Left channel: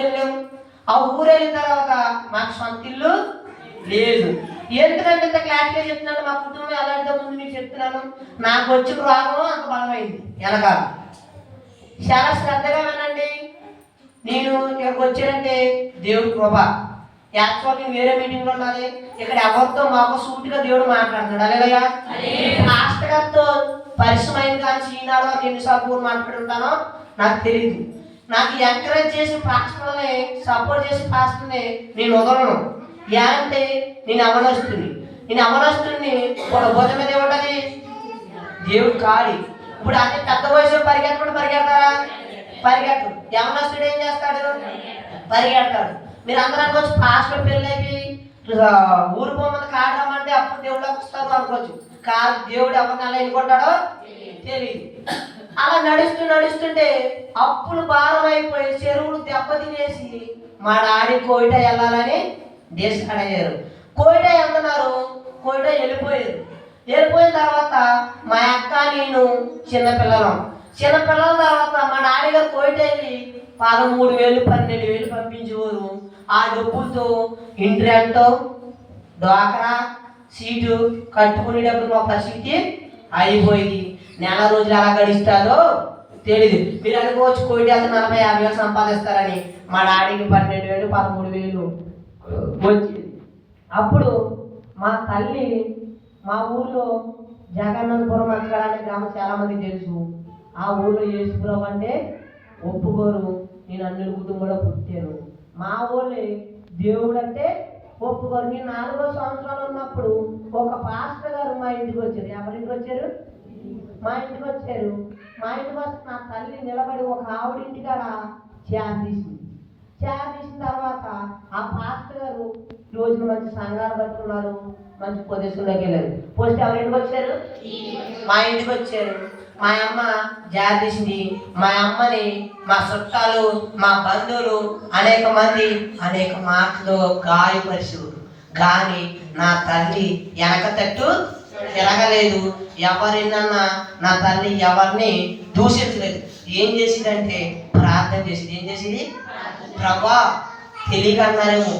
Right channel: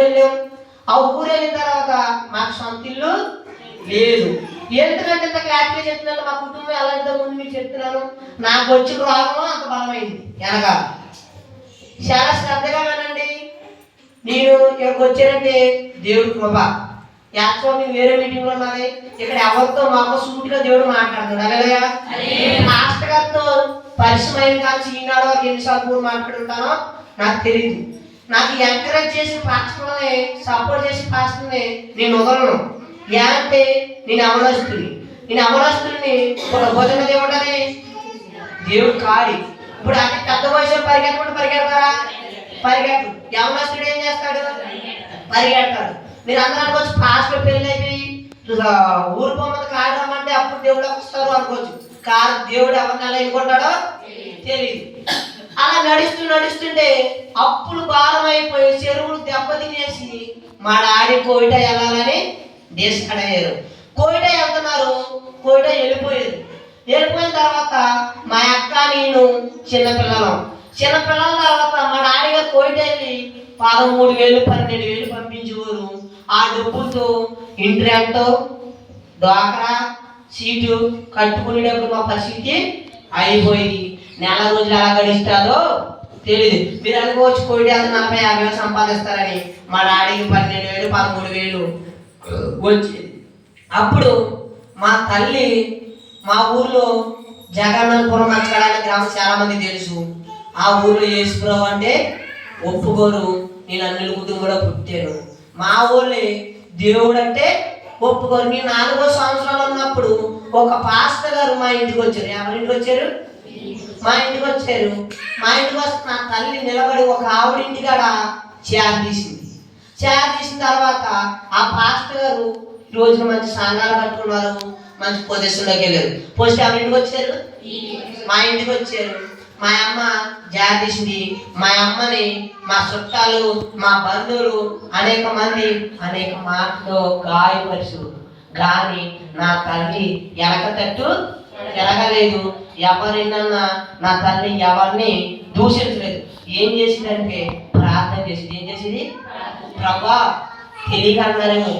వెళ్ళాం. ఆ ఊరు వెళ్ళిన తర్వాత మాకు సొంత ఇల్లు లేదు. ఎందుకంటే ఇంత క్లారిటీగా చెప్తున్నాను, మా కుటుంబం ఎలా ముందు మీకు చెప్తున్నాను. నాకు వచ్చిన రోగం అంత బలమైంది వెనకాల. చాలా శ్రద్ధగా వినండి. నేను ఇక్కడికి వచ్చానంటే దేవుడి కృప. యాక్చువల్ మేము వేరే మీటింగ్లో ఉన్నది. ఇక్కడ ఎవరితో మాకు సూటిగా దేవుడు మాట్లాడుతాడు. అలాగయ్యా మాస్టర్ గారితో పరిశ్రమ కాల్చి ఈనాడు వరకు ఎన్నిసార్లు మాట్లాడుంటానో నాకు తెలియదు. నాకు ఎంకరేజ్ చేసి పాస్టర్ని సపోర్ట్ చేసి పాస్టర్ని నేను వదలను. అంటే నేను అవనస్తుని ఒక భుజం మీద ఏమంటారు దేవుడు కాడి. ఇప్పుడు అంటే పెద్ద వయసు పరిగెడతారా? పరిగెట్టు. యవనస్తుడు ఏం చేస్తాడు? పరిగెడతాడు. మీరు అందరూ అనుకోవచ్చు పాస్టర్ పెళ్ళి అయిపోయి ఊరు బొమ్మది కాడమంటే అప్పుడు దేవుడు వస్తారు అనుకోవచ్చు. కాదు, దేవుడు ఎవరిని అలా ఎన్నుకుంటాడో తెలియదు. అలా నడుస్తుంటే అప్పులు భారమైపోయి చెరువులు దెబ్బతినేసి మా డాడీ కోయిట వెళ్ళాలని డిసైడ్ అయ్యారు. కోయిట వెళ్తున్నారు. కోయిట వెళ్ళిపోయిన తర్వాత మా అక్క నేను చిన్నపిల్లల తర్వాత మా డాడీ గారు కోయిట వెళ్ళి 13,000 12,000 పంపించేవారు. ఆ డబ్బులతో ఇంటర్నెట్ డ్వాక్రా సీటు కట్టుకునేటప్పుడు మా పరిస్థితి అయిపోయింది. నెల రోజులు ఎలా గడిస్తాదో తెలియదు. మీరు అనుకోవచ్చు కోయిట వెళ్తే 40,000 సంపాదిస్తారని. మా డాడీకి 12,000 13,000 వచ్చేది. అప్పుడు మా తల్లి మా ఊర్లో జగన్నాథపురం నచ్చడానికి గ్రామం చాలా మంది తెలుసు. ఆ ఊర్లో యేసుప్రభు అంటే ఒప్పుకోరు. నేను అన్నిల కుటుంబంలో పుట్టాను. మా ఊళ్ళో దేవుడు అంటే ఒప్పుకోరు. నేను 4వ సంవత్సరాలు ఉన్నప్పుడు ఒక పాస్టర్ గారు మా ఇంటికి వచ్చారు. ఎవరింటికి వచ్చారు? మా ఇంటికి వచ్చారు. మా ఇంటికి వస్తే నా తల్లి నిలబడి ఒక ఆవిడింటి కాడ చేర్ తీసిన తర్వాత ఆ పాస్టర్ గారు ఈ రోజున మంచి సంఘాలు కట్టుకున్నారు, మంచి పొజిషన్లోకి వెళ్ళారు. పోస్ట్ ఎవరింటికి వచ్చారు? మా ఇంటికి వచ్చారు. మా అమ్మ జాతీసింది. మా అమ్మని మా చుట్టాలు మా బంధువులు అనేక మంది అనేక మాటలు గాయపరిచారు. కానీ నా తల్లి వెనక తట్టు తిరగలేదు. ఎవరినన్నా నా తల్లి ఎవరిని దూషించలేదు. ఏం చేసిందంటే ప్రార్థన చేసింది. ఏం చేసింది? ప్రభా తెలియక అన్నారేమో,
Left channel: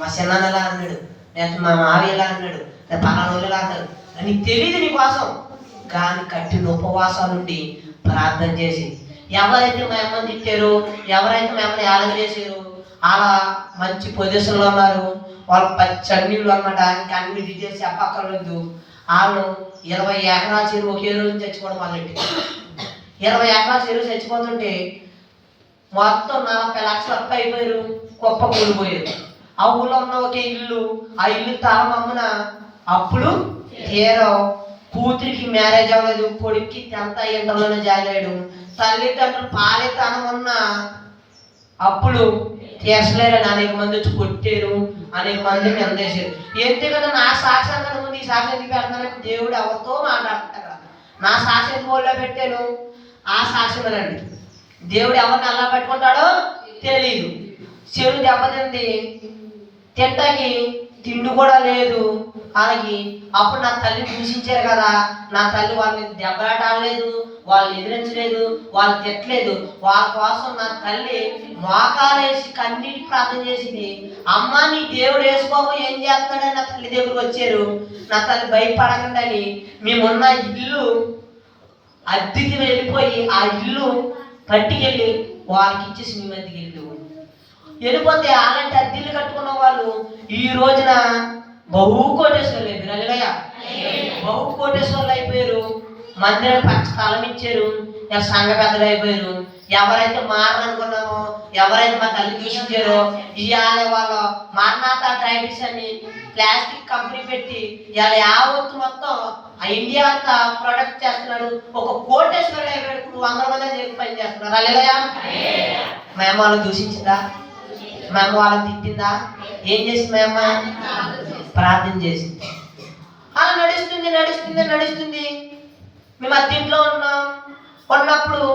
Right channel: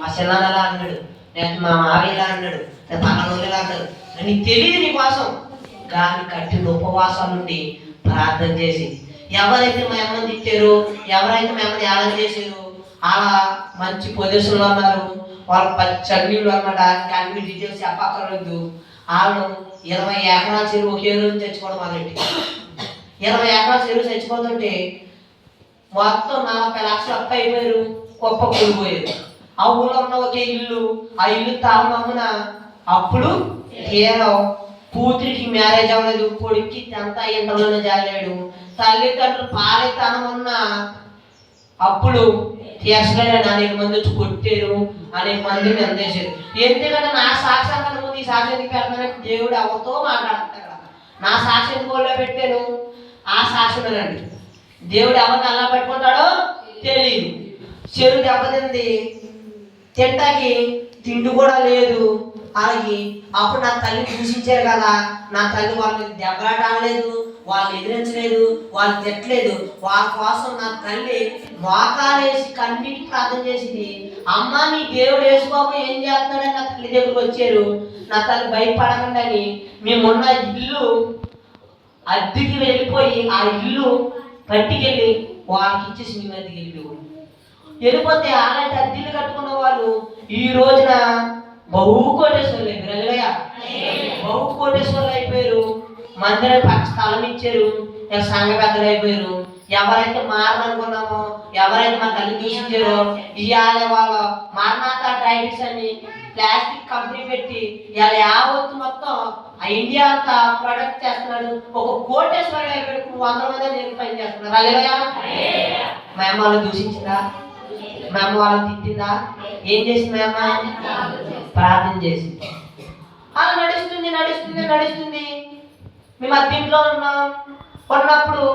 మా చిన్నదలా అన్నాడు, లేకపోతే మా మావయ్యలా అన్నాడు, పలానోళ్ళలా అన్నాడు అని తెలియదు నీ కోసం. కానీ కట్టిన ఉపవాసాల నుండి ప్రార్థన చేసి ఎవరైతే మా అమ్మని తిట్టారు, ఎవరైతే మా అమ్మని యాలం చేశారు, అలా మంచి పొజిషన్లో ఉన్నారు. వాళ్ళు చన్నీళ్ళు అనమాట. ఇంకా అన్ని డీటెయిల్స్ చెప్పక్కర్లేదు. వాళ్ళు 20 ఎకరాల చెరువు ఒకే రోజు చచ్చిపోవడం వాళ్ళండి. 20 ఎకరాల చెరువు చచ్చిపోతుంటే మొత్తం 40 లక్షలు అప్పు అయిపోయారు. గొప్ప కూలిపోయారు. ఆ ఊళ్ళో ఉన్న ఒకే ఇల్లు, ఆ ఇల్లు తాళమమ్మున అప్పుడు తీరం. కూతురికి మ్యారేజ్ అవ్వలేదు, కొడుక్కి 10th ఇంటర్లోనే జాలాడు. తల్లిదండ్రులు పాలితనం ఉన్న అప్పుడు తీర్చలేరని అనేక మంది వచ్చి కొట్టారు, అనేక మందిని అందేశారు. ఎందుకంటే నా సాక్ష్యం కన్నా ముందు ఈ సాక్ష్యం ఎందుకు పెడతానంటే దేవుడు ఎవరితో మాట్లాడతాడు. నా సాక్ష్యం కోల్లో పెట్టాను, ఆ సాక్ష్యమేనండి. దేవుడు ఎవరిని అలా పెట్టుకుంటాడో తెలియదు. చెరువు దెబ్బతింది, తింటాకి తిండి కూడా లేదు. అలాగే అప్పుడు నా తల్లి దూషించారు కదా, నా తల్లి వాళ్ళని దెబ్బలాడలేదు, వాళ్ళని ఎదిరించలేదు, వాళ్ళు తిట్టలేదు. వాళ్ళ కోసం నా తల్లి మోకాలేసి కన్నీటి ప్రార్థన చేసింది. అమ్మ నీ దేవుడు వేసుకోబో ఏం చేస్తాడని నా తల్లి దగ్గరికి వచ్చారు. నా తల్లి భయపడకండి, మేమున్న ఇల్లు అద్దెకి వెళ్ళిపోయి ఆ ఇల్లు పట్టుకెళ్ళి వాళ్ళకి ఇచ్చేసి మీ మధ్యకి వెళ్ళిపోతే అలాంటి అద్దెలు కట్టుకున్న వాళ్ళు ఈ రోజున బహు కోటేశ్వర్లు అయిపోయారు. బహు కోటేశ్వర్లు అయిపోయారు. మందిరం పక్క స్థలం ఇచ్చారు. సంఘ పెద్దలు అయిపోయారు. ఎవరైతే మారనుకున్నామో, ఎవరైతే మా తల్లి దూషించారో, ఇవాళ వాళ్ళ మారనాథ ట్రైడిస్ అని ప్లాస్టిక్ కంపెనీ పెట్టి ఇవాళ యావత్తు మొత్తం ఆ ఇండియా అంతా ప్రొడక్ట్ చేస్తున్నాడు. ఒక కోటేశ్వరుడు అయిపోయాడు. 100 మంది పని చేస్తున్నారు. అల్లెలయ్యా. మేము వాళ్ళు దూషించిందా? మేము వాళ్ళని తిట్టిందా? ఏం చేసింది? మేము ప్రార్థన చేసింది. అలా నడుస్తుంది. మేము అద్దెంట్లో ఉన్నప్పుడు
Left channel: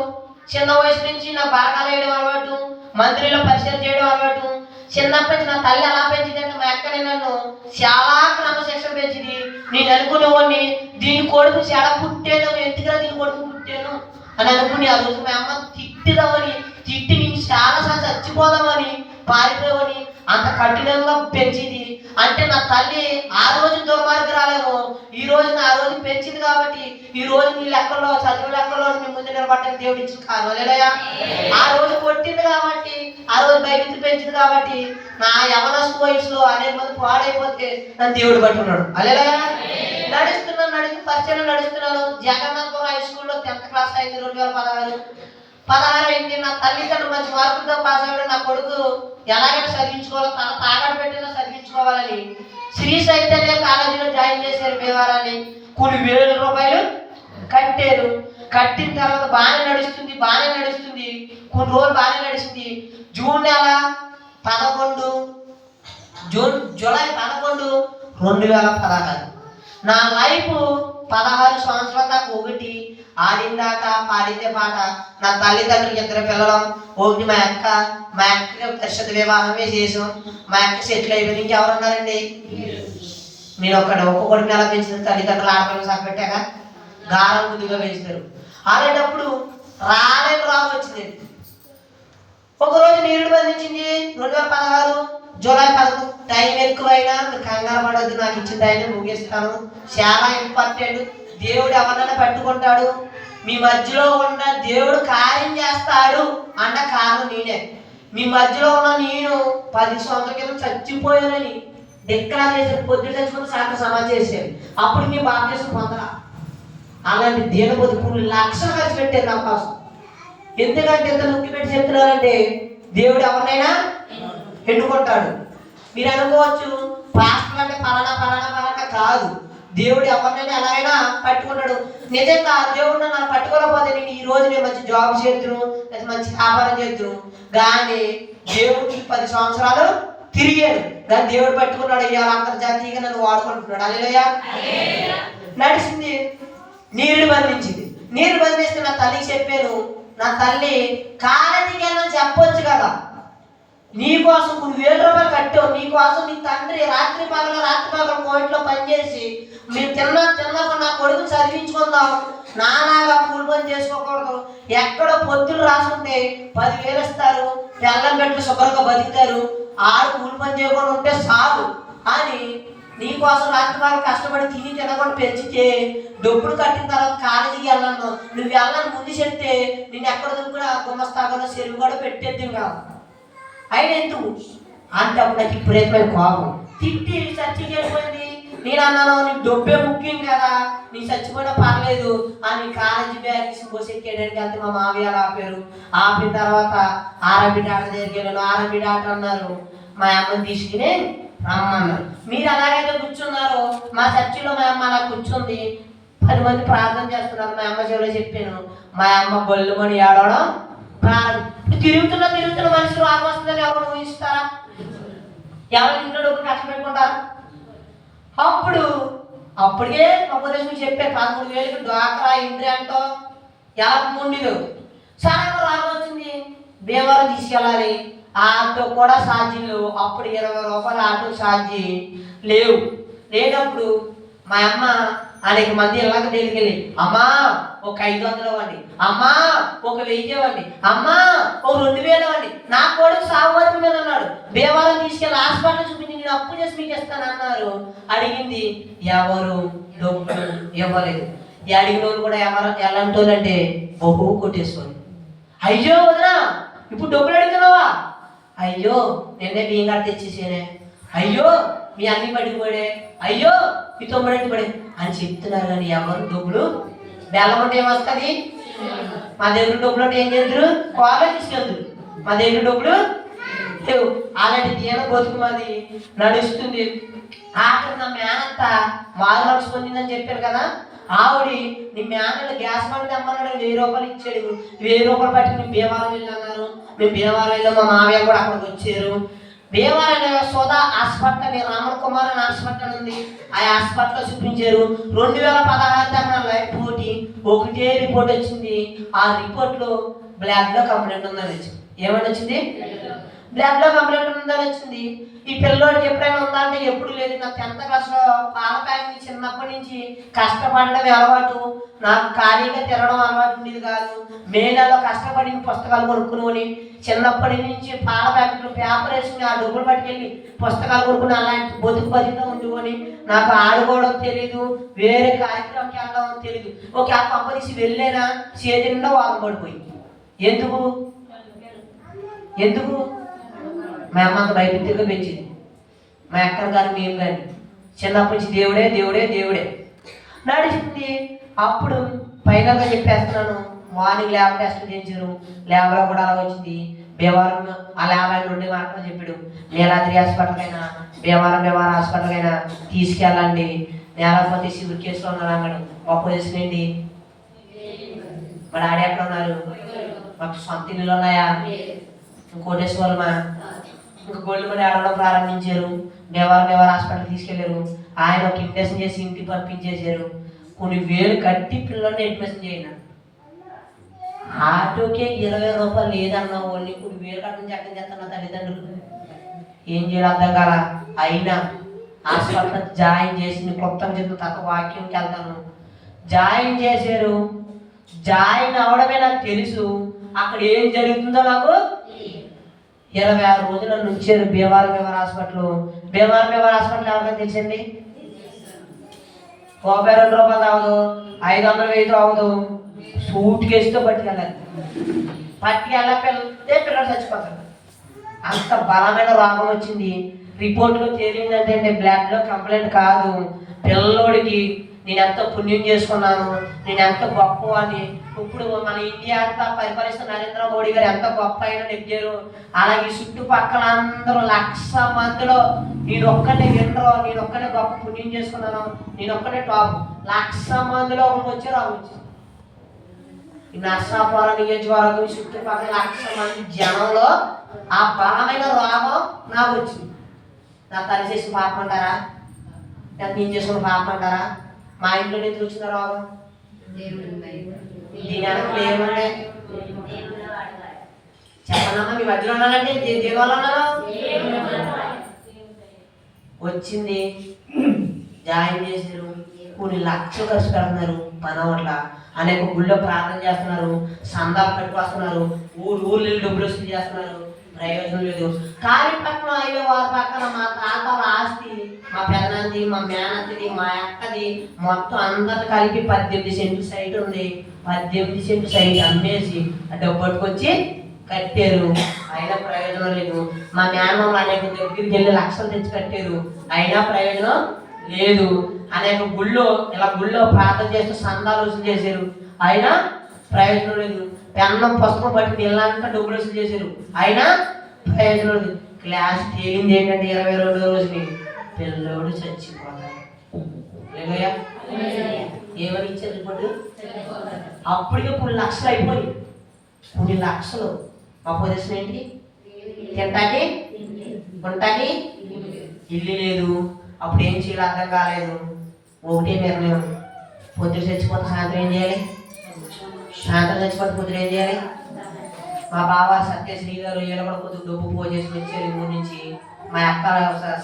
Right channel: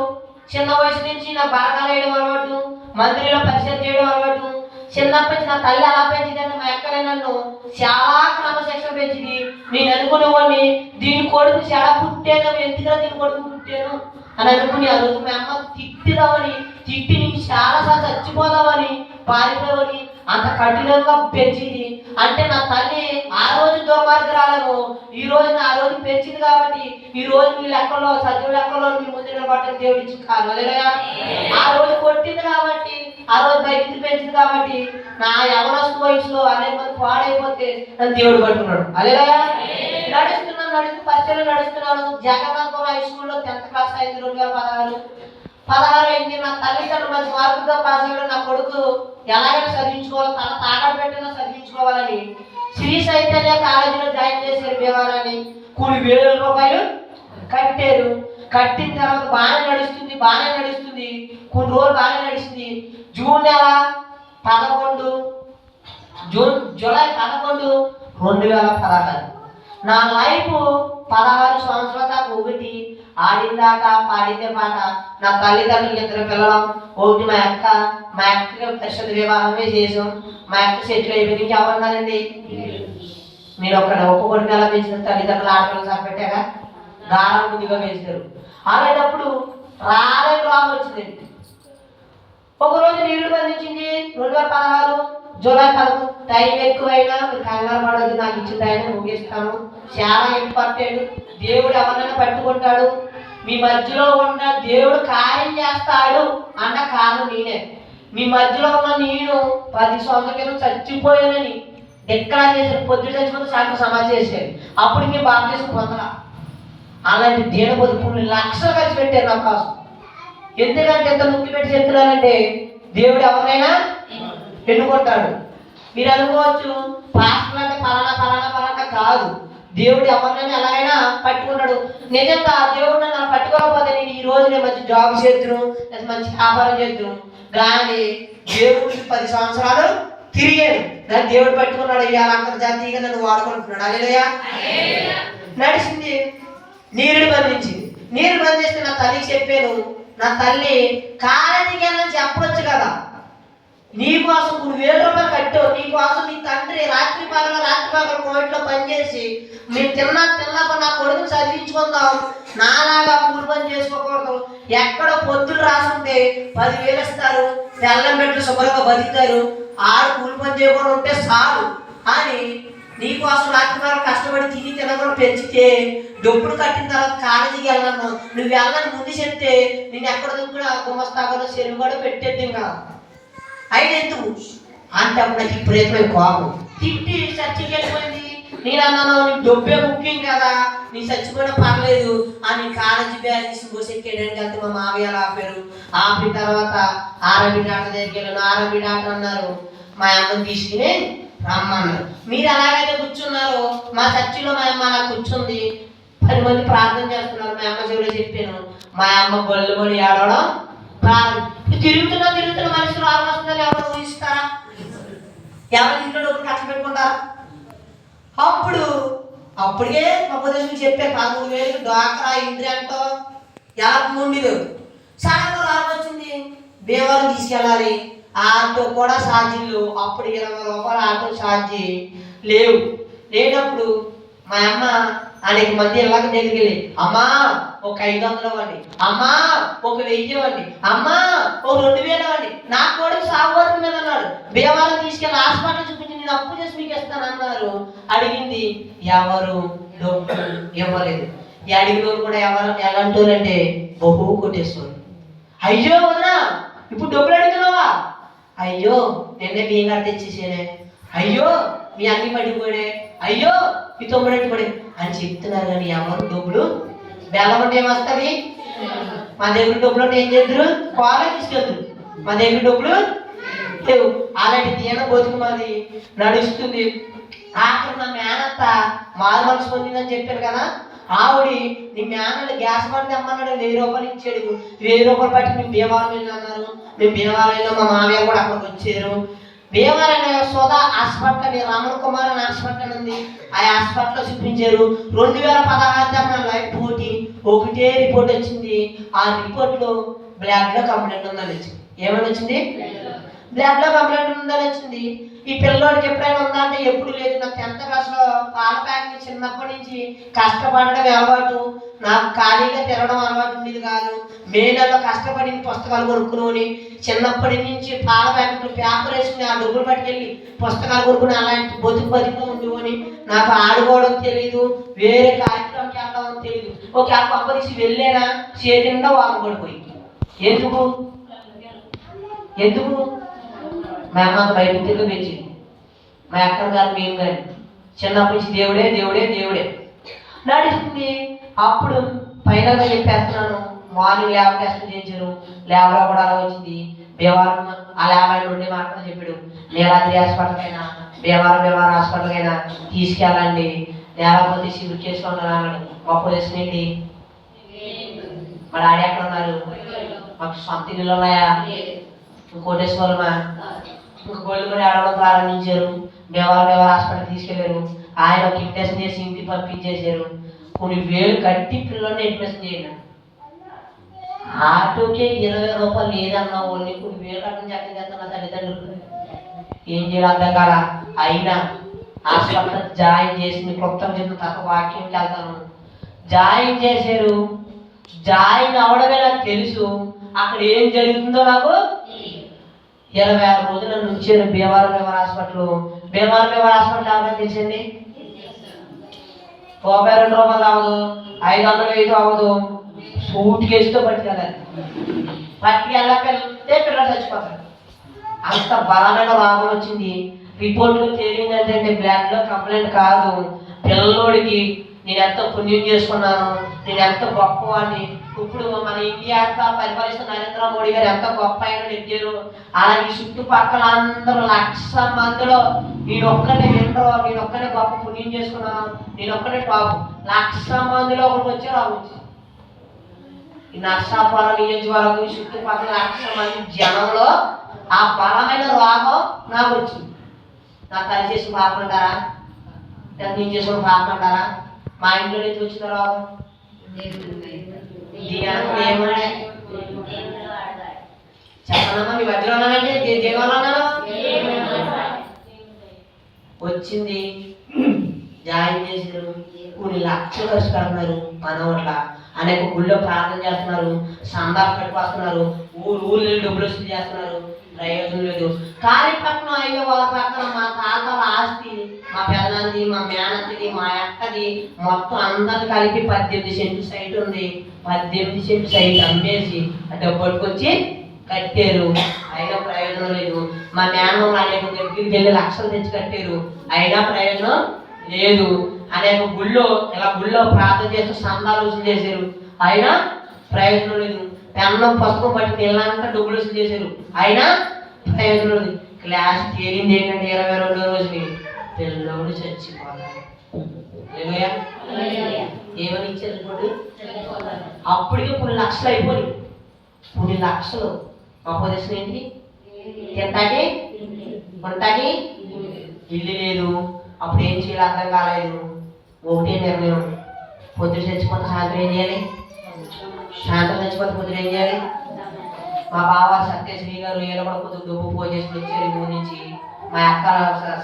చిన్న వయసు నుంచి నా బాగాలు వేయడం అలవాటు, మంత్రిలో పరిచయం చేయడం అలవాటు. చిన్నప్పటి నుంచి నా తల్లి ఎలా పెంచిందంటే మా అక్కనే నన్ను చాలా క్రమశిక్షణ పెంచింది. నేను అనుకునేవాడిని దీని కొడుకు చాలా పుట్టాను, ఎందుకురా దీని కొడుకు పుట్టాను అని అనుకుని ఆ రోజు మా అమ్మ తిట్టి నీకు చాలాసార్లు చచ్చిపోదామని పారిపోయి అంత కఠినంగా పెంచింది. అంటే నా తల్లి ఆ రోజు దుర్మార్గురాలేమో, ఈ రోజు ఆ రోజు పెంచింది కాబట్టి ఈ రోజు మీ లెక్కల్లో చదువు లెక్కల్లో మీ ముందు నిలబట్టని దేవుడు ఇచ్చి కాదు. అలేలయ్యా. ఆ రోజు కొట్టింది కాబట్టి, ఆ రోజు బయటికి పెంచింది కాబట్టి నా యవనస్తు వయసులో అనేక మంది పాడైపోతే నన్ను దేవుడు పట్టుకున్నాడు. అలేలయ్యా. నడుస్తూ పరిచయం నడుస్తున్నాను. జగన్నాథపురం హై స్కూల్లో 10th క్లాస్ అయింది 2016 అయింది. నా తల్లిదండ్రులు మంచి మార్కులతో పాస్ అయ్యాడు. నా కొడుకు ఎలాగైనా చదివించుకోవాలి, తన తాగాడు పెట్టినా చదివించుకోవాలని శ్రీ చైతన్య కాలేజీలో జాయిన్ చేశారు. భీమవరాన్ని కొన్ని వేల రూపాయలు కట్టారు. కట్టిన తర్వాత బాగానే నడుస్తుంది. కొన్ని రోజులు బాగానే నడిచింది. జూలై 11 2016 నా లైఫ్ 16 సంవత్సరాల దాకా ఒకటి ఆడిందాకా పాడిందే పాట. నా తల్లిదండ్రులు 2 పిల్లలు. ఒకటి మా అక్కకి పరిషత్ వివాహమే చేసాం. మా అక్క సెటిల్ అయిపోయింది. ఇంకెవరున్నారండి? మీరు ఒక్కొక్కడిని ఎలా పెంచిన తల్లిదండ్రులు ఆడపిల్లలు సరిపెట్టాక గారం ముందుగా పెంచుతారు. అలాంటప్పుడు రావు వచ్చిందండి. ఒకరోజు నీరుడు బంధించింది 2016 జూలై 11. టైం ఎక్కువైనా కంగారు పడవద్దు, నాకు ఇచ్చిన టైం ముగిస్తాను. చాలా ఇంపార్టెంట్. దేవుడు ఎవరినైనా పెట్టుకుంటాడు. మీ మధ్యలో ఉన్న దేవుడు కార్యం చేస్తాడు అన్న కారణం నేనే. మీ మధ్యలో ఉన్న నేను 10 సంవత్సరాల క్రితం చచ్చిపోయానని డిక్లేర్ చేశాను. పొద్దున చచ్చిపోతే సాయంత్రం సమాధి చేశాను. అప్పుడు మీ బాప్తిసం పొందరా. అలాంటి దేని కొన్ని లక్షలు ఖర్చు పెట్టారు నా కోసం. ఎందుకంటే ఎంత నొక్కి పెట్టి చెప్తున్నారంటే దేవుడు ఎవరినైనా ఎన్నుకుంటాడు. మీరు అనుకోవచ్చు పాస్టర్ అంటే పలానా కాదు. దేవుడు ఎవరినైనా ఎలాగైనా పట్టుకుంటాడు. నిజంగా దేవుడు నన్ను పట్టుకోకపోతే నేను మంచి జాబ్ చేద్దును, మంచి వ్యాపారం చేద్దును. కానీ దేవుడికి 10 సంవత్సరాలు తిరిగాడు. కానీ దేవుడు పట్టుకున్నాడు. ఇవాళ అంతర్జాతీయంగా నన్ను వాడుకుంటున్నాడు. హల్లెలూయా. నడిచింది. నీరు బంధిస్తే నా తల్లికి చెప్పాను. నా తల్లి కాలేజీకి వెళ్ళని చెప్పొచ్చు కదా, నీకోసం 1000 రూపాయలు కట్టావు. నీకోసం నీ తండ్రి రాత్రి పగల కోయిట్లో పనిచేసి మేము తిన్నాక నా కొడుకుని చదివించుకుందాం, నాలాగా కూలి పని చేసుకోకూడదు. ఎక్కడో పొద్దులు రాసుంటే 10,000 ఇస్తారు, తెల్లం పెట్టి శుభ్రంగా బతుకుతారు. ఆడు కూలి పని చేయకుండా ఉంటే చాలు అని నీకోసం రాత్రి పగల కష్టపడి తినకుండా పెంచితే డబ్బులు కట్టిన తర్వాత కాలేజీకి వెళ్ళను. నువ్వు వెళ్ళని ముందు చెప్తే నేను ఎక్కడ కూడా గుమ్మస్తాగా చెరువు కూడా పెట్టేద్దాం కదా. అయినా ఎందుకు అంటే అప్పుడు నాకు విపరీతమైన కోపం. తిట్టి చర్చకి వెళ్ళిపోయింది. నేను అన్నాను, నీకు డబ్బే ముఖ్యం కదా, నీ చచ్చిపోయినా పర్లేదు అని కాలేజీ బ్యాగ్ తీసి బొసెక్కేయడానికి వెళ్తే మా మావయ్య ఆపారు. ఆపిన తర్వాత ఆర్ఎంపీ డాక్టర్ దగ్గరికి వెళ్ళాను. ఆర్ఎంపీ డాక్టర్ అన్నారు మా అమ్మని తీసుకుని రమ్మన్నారు. మీరు అలాగైతే కూర్చున్నారు, మా చర్చిలో మా అమ్మ అలా కూర్చుంది, 10 మంది ప్రార్థన చేస్తున్నారు. మా అమ్మ చెవిలో చెప్పాను. మా అమ్మ గొల్లు మని ఏడవడం తిరుగుతున్నా మనుషులు రోగం వస్తుందని ఎవరు ఊహిస్తారా? ఎవరు ఇంట్లో డబ్బులు కష్టపెట్టుకుంటారా? అప్పటికే ఉపదేశం చెప్పారు 13,000 డ్వాక్రా ఇంద్రి అంటో ఎలా ముండిలు. సడన్గా రోగం వచ్చింది, భీమవరం తీసుకెళ్ళాలి. ఆటో కూడా ఛార్జీలు అప్పుడు 20 రూపాయలు ఆటో ఛార్జీ లేనప్పుడు మా అమ్మ అనేక మంది ఇళ్ళకి దగ్గరికి వెళ్ళి అమ్మా ఒక 500 ఇవ్వండి, అమ్మా ఒక 1000 ఇవ్వండి, అమ్మా ఒక 2000 ఇవ్వండి. నా కొడుకు సాగుబతుకు మీద అన్నాడు. భీమవరం తీసుకెళ్ళి హాస్పిటల్ చూపించి నేను అప్పు చేసి మీకు ఇస్తానన్నారు. అడిగింది ఎవరు డబ్బులు ఇవ్వలేదు. ఈ అడిగిన వాళ్ళు కూడా ఎలాంటి వాళ్ళు అంటే బహు కొట్టేస్తుంది. అయ్యో వదినా ఇప్పుడు డబ్బులు అడుగుతున్నావా? అయ్యో నిన్నే బియ్యం కట్టి తెచ్చేసేనే, అయ్యో మీ అన్ని పడిపోయాడే, అయ్యో మీ తొమ్మిడి పడే అని చెప్తున్నారు. కానీ ఎవరు డబ్బులు బెల్లం అంటే ఏమొస్తుంది? మా దగ్గర డబ్బులు అంటే ఏం చేద్దరు? కాలేజ్ తీసుకెళ్తారు. మా దగ్గర డబ్బులు లేవు. అలాంటి దీన బతుకు మాది నడుస్తుంది. ఆఖరి నా మేనంత మారు మనసు పొందిందని చెప్పాను కదా. ఆవిడి నీ మేనలు గ్యాస్ బండి తెమ్మన్నాడు, 1000 రూపాయలు ఇచ్చాడు. 1000 రూపాయలు బట్టి మేము భీమవరం వెళ్ళన్నారు. మేము భీమవరంలో మా మామయ్య కూడా అక్కడికి వచ్చారు. భీమవరంలో సోదా హాస్పిటల్ రామన్ కుమార్ అని హాస్పిటల్ ఉంది. ఆ హాస్పిటల్లో చూపించారు. 2016 దాకా లైఫ్ ఒకటే రిపోర్ట్ వచ్చింది. ఆ రిపోర్ట్లో బ్లాక్లో కంప్లైంట్ ఉందని వచ్చింది. ఏమని వచ్చింది? బ్లడ్ లో కంప్లైంట్ ఉందని వచ్చింది. ఈ పిల్లోడికి ఎప్పుడైనా ఉందా అంటే ఎప్పుడు లేదు. నాకు 10th క్లాస్లో పాల ప్యాకెట్ చిన్నప్పటి నుంచి కష్టపడడం అలవాటు, నాకు ఖాళీగా తిరగడం అలవాటు ఉండేది కాదు. మే నెలలో కష్టపడి పుస్తకాలు కొనుక్కుని చిన్నప్పటి నుంచి పాల ప్యాకెట్లు పేపర్ వేసుకుని ఆ డబ్బులు పట్టుకెళ్ళి పుస్తకాలు కొనుక్కుని అలాంటి బతుకుగా ఉండేవని. నాకు ఆడుకోవడం తెలీదు, వేరే కార్యక్రమంకి వెళ్ళడం తెలీదు. ఒక పప్ప తీసి వెళ్ళేనా చేతిండా వాళ్ళు పడిపోయి. ఎందుకు ఎందుకు మా అమ్మ అంత భయభక్తిగా పెంచింది. మా అక్క గారు మేము కానీ చిన్నప్పటి నుంచి దేవుడే దేవుడే దేవుడే నడిచింది. అప్పుడు ఫైనల్గా చెప్పేస్తున్నాను, మార్నింగ్ ల్యాబ్ టెస్ట్ చేయించారు. ల్యాబ్లో కూడా అలా వచ్చింది. భీమవరం ఆ ల్యాబ్ ఆయన 2 మార్కులు చెప్పాడు. నీలాద్రి హాస్పిటల్ అయినా భీమవరం హాస్పిటల్ అయినా తీసుకెళ్ళండి, నేలపోతే సివిల్ కేసులో ఉన్నారు అన్నాడు. మా పొజిషన్ ఏంటి? మా డాడీ ఎక్కడ ఉన్నారు? మాకు సొంత ఇల్లులు ఉన్నాయా? కోటేశ్వరమా? ఇంకా గోల్డ్ మనీ ఆడడం ప్రారంభించారు. భీమవరం హాస్పిటల్ తీసుకెళ్లారు. ఆయన ఒక ఇంప్రెషన్ చేసి ఇంటికి పంపించేశారు. కొన్ని వేలు కట్టి పిల్లల్ని అడ్మిషన్ చేయండి. ఆటోకే 20 రూపాయలు లేదన్న వాళ్ళని కొన్ని వేలు కట్టడం చక్కగా చేస్తున్నా తల్లిదండ్రులు. ఏం చేయాలి అర్థం కాల. అయినా హాస్పిటల్ జాయిన్ చేసి మీకు క్లుప్తంగా చెప్తున్న తప్ప వాక్యంకి వెళ్తాను. జాయిన్ చేశారు. జాయిన్ అవడమే నాకు తెలుసు. అక్కడ ఏం జరుగుతుందో నాకు 26 రోజుల నుంచారు భీమవరం హాస్పిటల్. భీమవరం హాస్పిటల్ ఎవరికైనా తెలిసింది? 32 రూపాయలు అవ్వదు, 500 అవ్వదు. సూట్ కేసుతో పట్టుకెళ్ళాలి. పట్టుకెళ్ళకెళ్తే పిల్లలు చచ్చిపోతారు. అంత బలమైన రోగం వచ్చింది. రిపోర్ట్లో తేలింది ఏంటంటే బ్లడ్ లో కంప్లైంట్ కాదు. పిల్లోడికి నేను ఎంత పుణ్యం చేసుకున్నాను, నేను ఎంత గొప్పవాడిని. ఇప్పుడు మన ఇండియా అంతా పరిపాలిస్తున్న నరేంద్ర మోడీ గారు ఎంత గొప్ప అయినా నెగ్గారు. అలాగే చుట్టుపక్కల అందరూ 1,00,000 మందిలో నేను ఒక్కనే వినరు, నేను ఒక్కనే గొప్ప పుణ్యం చేసుకున్నాను, నేను ఒక్కనే టాప్. 1,00,000 మందిలో ఒకటి వచ్చి రావచ్చు. ఈ నర్సాపురం నియోజకవర్గం చుట్టుపక్కల 1,00,000 మంది జనంలో ఆ బలమైన రోగం నాకు వచ్చింది. నా తల్లి చేసిన పాపం అంటారా? నేను చేసుకున్న పాపం అంటారా? మా ఇంట్లో నుంచి వచ్చిన రోగం ఏముండే చెప్పనమ్మా. మీ మధ్యలో ఉన్నానంటే దేనివల్ల ఉన్నాను? వచ్చింది. జాయిన్ చేశారు. కొన్ని లక్షలు ఖర్చు పెడుతున్నారు. పని అట్లా అనేక గుళ్ళో ప్రార్థన చేస్తున్నారు, సందాలు పెట్టుకొస్తున్నారు, ఊళ్ళు డబ్బులు వసూలు చేస్తున్నారు. ప్రయోజనం లేదు. కాళీపట్నం హైవే వాళ్ళ పక్కన మా తాతల ఆస్తి, మా పెదనంది, మా మేనత్తిది, మా అక్కది మొత్తం అందరు కలిపి 18 సెంట్లు సైట్ ఉంది. 18 సెంట్లు సైట్ అమ్మేసి డబ్బు పట్టుకొచ్చి కట్టారు. అయినా ప్రయోజనం లేదు. మా మేనమ్మలు అనేక దగ్గరికి వెళ్ళి లక్షలు తెచ్చి కట్టారు. అయినా ప్రయోజనం లేదు. అనేక గుళ్ళో ప్రార్థన చేస్తూ సందాలు వసూలు చేశారు. అయినా ప్రయోజనం లేదు. పెన్నం పుస్తకం పట్టి పిల్లలంతా డబ్బులు వసూలు చేశారు. అయినా ప్రయోజనం లేదు. క్లాస్ తేలింది ఏంటంటే 22వ రోజుని పిల్లోడు చచ్చిపోతాడు. ఏమని ఇచ్చారు ఇప్పుడు? అప్పటికే కొన్ని లక్షలు అయిపోయి, కొన్ని లక్షలు. మా పొజిషన్ ఏంటి? తింటాకి కొంటాకి ఇల్లు లేదు. అప్పుడు ఏం చేయాలి అర్థం కాలేదు. ఒకటే నిర్ణయం, పొద్దున చచ్చిపోతే సాయంత్రం ఏం చేయాలి? సాయంత్రం చచ్చిపోతే పొద్దున ఏం చేయాలి? మా బావ సత్యశ్రీ గారు వీళ్ళు కూడా కొద్దిగా డబ్బు పోజేసి వచ్చారు ఊరి నుంచి. మా అక్క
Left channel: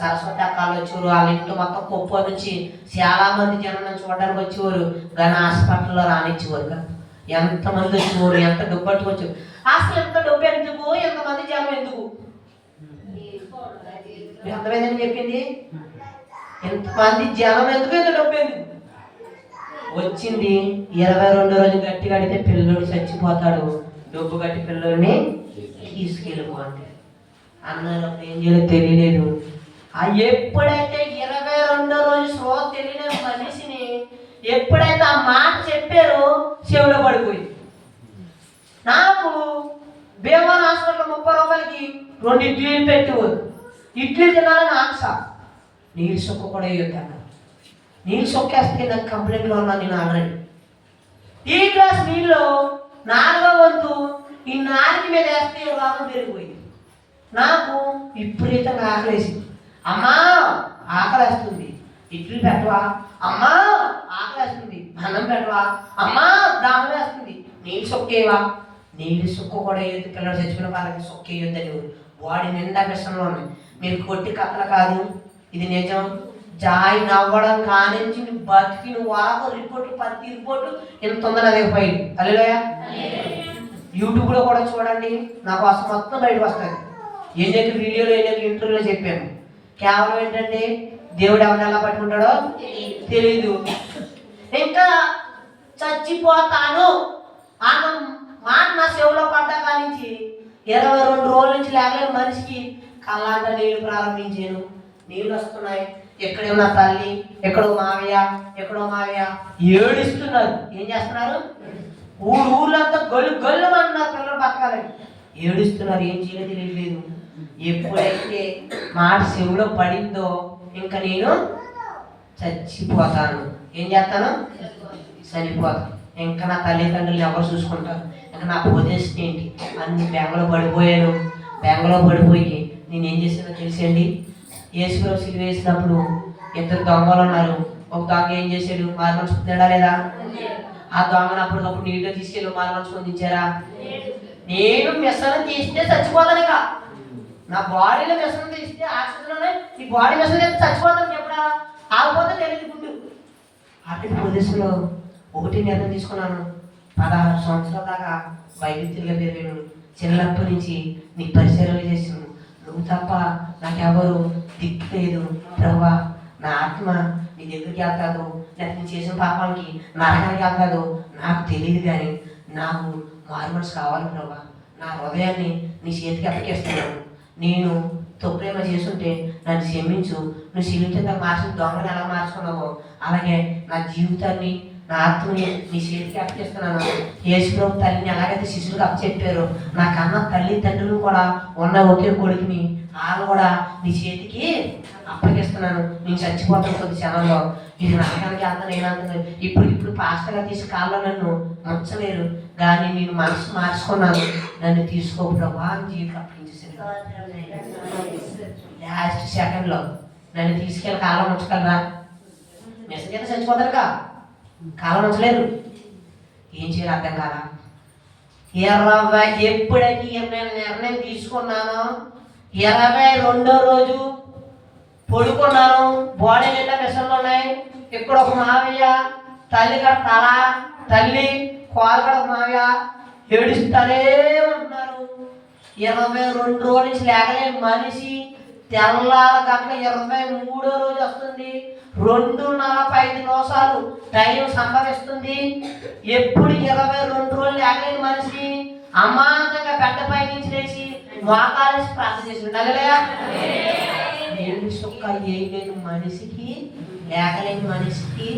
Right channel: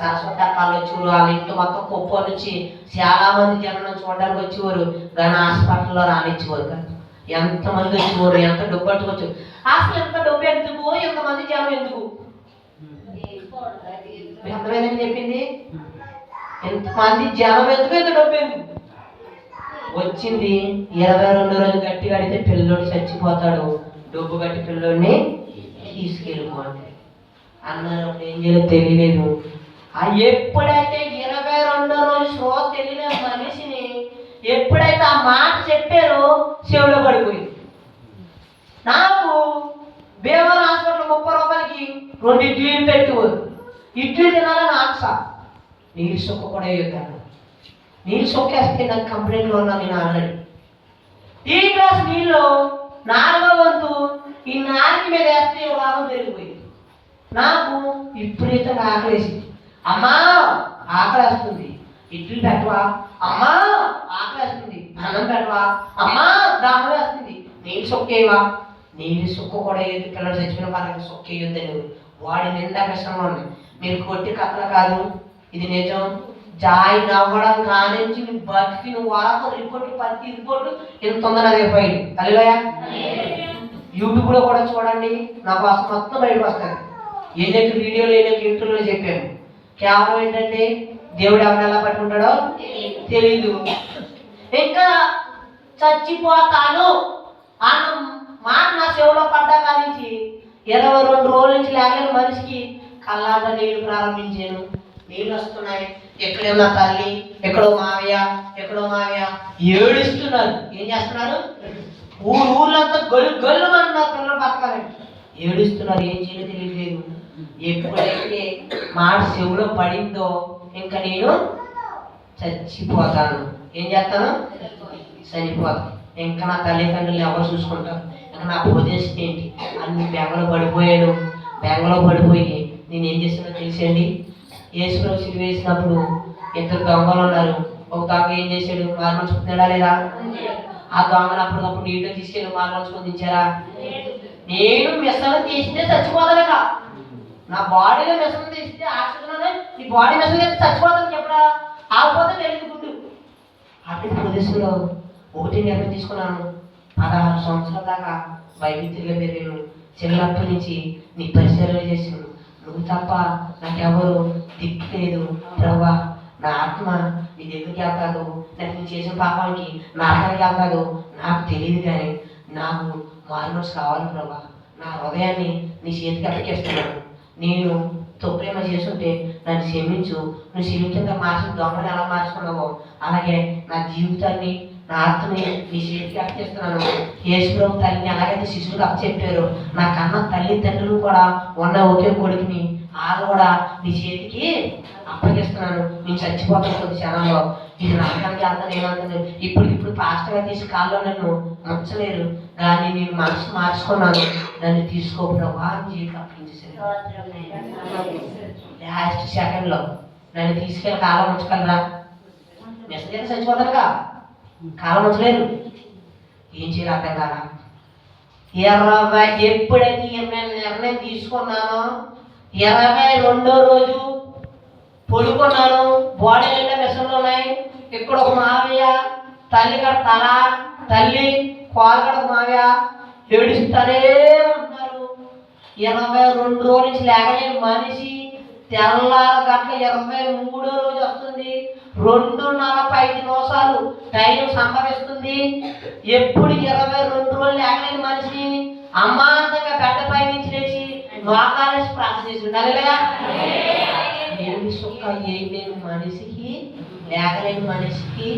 సరస్వతి అక్కలు వచ్చేవారు. వాళ్ళ ఇంట్లో మొత్తం కుప్ప నుంచి చాలా మంది జనం చూడడానికి వచ్చేవారు. కానీ హాస్పిటల్లో రానిచ్చేవారు కదా. ఎంతమంది వచ్చేవారు, ఎంత డబ్బు పట్టుకొచ్చారు. అసలు ఎంత డబ్బు ఎందుకు, ఎంతమంది జనం ఎందుకు? అర్థమైందని చెప్పింది. ఎంతమంది జనం ఎందుకు, ఎంత డబ్బు ఎందుకు? వచ్చింది 22వ రోజు గట్టిగా అడిగితే పిల్లోడు చచ్చిపోతాడు, డబ్బు కట్టి పిల్లోడిని తీసుకెళ్ళిపోండి అన్నారు. అప్పుడు ఏం చేయాలో తెలియలేదు. ఎప్పుడైతే 22వ రోజు స్లో తెలియని మనిషిని ఎప్పుడైతే ఆ మాట చెప్పారో చెవిలో పడిపోయింది. నాకు భీమవరం హాస్పిటల్ 30 రూపాయలకి 2 ఇడ్లీలు పెట్టేవారు. ఇడ్లీ తినాలని ఆశ. నీళ్ళు సొక్క కూడా వేయొద్దాను. నీళ్ళు సొక్కేస్తే నాకు కంప్లైంట్లో ఉన్నాను నేను ఆల్రెడీ. ఈ గ్లాస్ నీళ్ళు 4వ వంతు ఈ 4 మీద వేస్తే రోగం పెరిగిపోయింది. నాకు విపరీతంగా ఆకలేసింది. అమ్మా ఆకలేస్తుంది, ఇడ్లీ పెట్టవా? అమ్మా ఆకలేస్తుంది, అన్నం పెట్టవా? అమ్మా దాహం వేస్తుంది, నీళ్ళు సొక్కేవా? నీళ్ళు సుక్కు కూడా వేయద్దు, పిల్లలు చచ్చిపోయిన వాళ్ళకి సుక్క వేయొద్దని వాడి నిండా విషయంలో ఉన్నాయి. మీరు కొట్టి కథలు కాదు, ఇది నిజం. జాయిన్ అవ్వడం కానించి నువ్వు బతికి నువ్వు వాకు రిపోర్ట్లు 10 రిపోర్ట్లు ఇంత ఉందని అదే పోయి అల్లేలుయా. యూట్యూబ్లో కూడా చూడండి, నా కోసం మొత్తం బయటకు వస్తుంది. ఎన్ని వీడియోలు ఎన్ని ఇంటర్వ్యూలో చెప్పాను. కేవలం ఏంటంటే దేవుడు ఎవరిని ఎలా పట్టుకుంటాడో తెలీదు. ఇంకా చచ్చిపోతాను అన్న మాట నా చెవులో పడ్డా కానించి 22 రోజుల నుంచి లేకలేని మనిషికి కళ్ళాట నీళ్లు ప్రారంభించాను. నీళ్ళు వస్తున్నాయి. ఎక్కడేమో నా తల్లి, ఎక్కడో మావయ్య, ఎక్కడో మావయ్య ఏడుస్తున్నారు. ఏం చేస్తున్నారు? ఊర్లంతా గొల్లు అంటున్నారు. పిల్లలు బతకాలండి ఏడుస్తున్నారు. ఏం చేయలేదు తెలియలేదు. ఎప్పుడైతే మాట చెవులో పడిందో ఇంకా నేను చచ్చిపోతాను. ఏం చేస్తాను? చనిపోతాను. ఇంకా నా తల్లిదండ్రులు ఎవరు చూసుకుంటారు? ఇంకా నా పొజిషన్ ఏంటి? అన్ని బెంగలో పడిపోయాను. బెంగలో పడిపోయి నేను ఏం చేశానో తెలిసండి. యేసుప్రభు సిలువ వేసినప్పుడు 2 దొంగలు ఉన్నారు. ఒక దొంగ ఏం చేశాడు? మారమనుచుకున్నాడా లేదా? ఆ దొంగను అప్పటికప్పుడు నీటిలో తీసుకెళ్ళి మారమనుచుకొని తెచ్చారా? నేను మిషన్ తీస్తే చచ్చిపోతానుగా. నా బాడీలో మిషన్ తీస్తే ఆక్సిజన్ నీ బాడీ మిషన్ తీస్తే చచ్చిపోతాను. ఎప్పుడా ఆగిపోతే తెలియదు గుండు. అటు ప్రదేశంలో ఒకటి నిర్ణయం తీసుకున్నాను. 16 సంవత్సరాల దాకా వైవిధ్యంగా పెరిగాను. చిన్నప్పటి నుంచి నీ పరిచయం చేసాను. నువ్వు తప్ప నాకెవరు దిక్కు లేదు ప్రభా. నా ఆత్మ నీ దగ్గరికి వెళ్తాదు, నాకు నేను చేసిన పాపానికి నరకానికి వెళ్తాదు నాకు తెలియదు. కానీ నాకు మారుమనసు కావాలి ప్రభా. నా హృదయాన్ని నీ చేతికి అప్పగిస్తున్నాను. నేను తొప్రేమ చేస్తుంటే నన్ను క్షమించు. నువ్వు క్షమించేంత మార్చిన దొంగని ఎలా మార్చుకున్నావో అలాగే నా జీవితాన్ని నా ఆత్మని నీ చేతికి అప్పగిస్తున్నాను. యేసుప్రభు తల్లిని ఎలాగైతే శిష్యులకు అప్పచెప్పారో నా కన్న తల్లిదండ్రులు కూడా ఉన్న ఒకే కొడుకుని వాళ్ళు కూడా నీ చేతికి అప్పగిస్తున్నాను. నేను చచ్చిపోతాను కొద్ది క్షణంలో. ఇది నరకానికి అంతా నేనంటుంది. ఇప్పుడు పాస్టర్గా తీసి కాల్లో నన్ను ముంచలేరు. కానీ నేను మనసు మార్చుకున్నాను. నన్ను తీసుకో ప్రభా అని జీవితం అప్పగించేసాను. లాస్ట్ సెకండ్లో నన్ను తీసుకెళ్ళి కాలం ఉంచగలరా? మెసేజ్ అయితే చచ్చిపోతానుగా, కాలం ఉంచలేరు. ఏం చేయాలి అర్థం కాల. ఎప్పుడైతే నేను నిర్ణయం తీసుకున్నానో 22వ రోజు పడుకున్నాను. బాడీ నిండా మిషన్లు ఉన్నాయి. ఇక్కడ ఒక మావయ్య, తల్లి కడ తల, తల్లి కోలగడ మావయ్య ఏడుస్తానే ఉంటున్నారు. 22 రోజుల నుంచి లేకలేని మనిషి తెల్లార గట్ల 23వ రోజు వస్తుంది. 2:45 టైం సంభవిస్తుంది. ఎప్పుడు 22 రోజులు లేకలేని మనిషి అమాంతంగా గడ్డపై నుంచి లేచి మోకాలేసి ప్రార్థన చేసి ఉండాలియా. ఏడు సుక్క వేయలేని మనిషికి, లేకలేని మనిషికి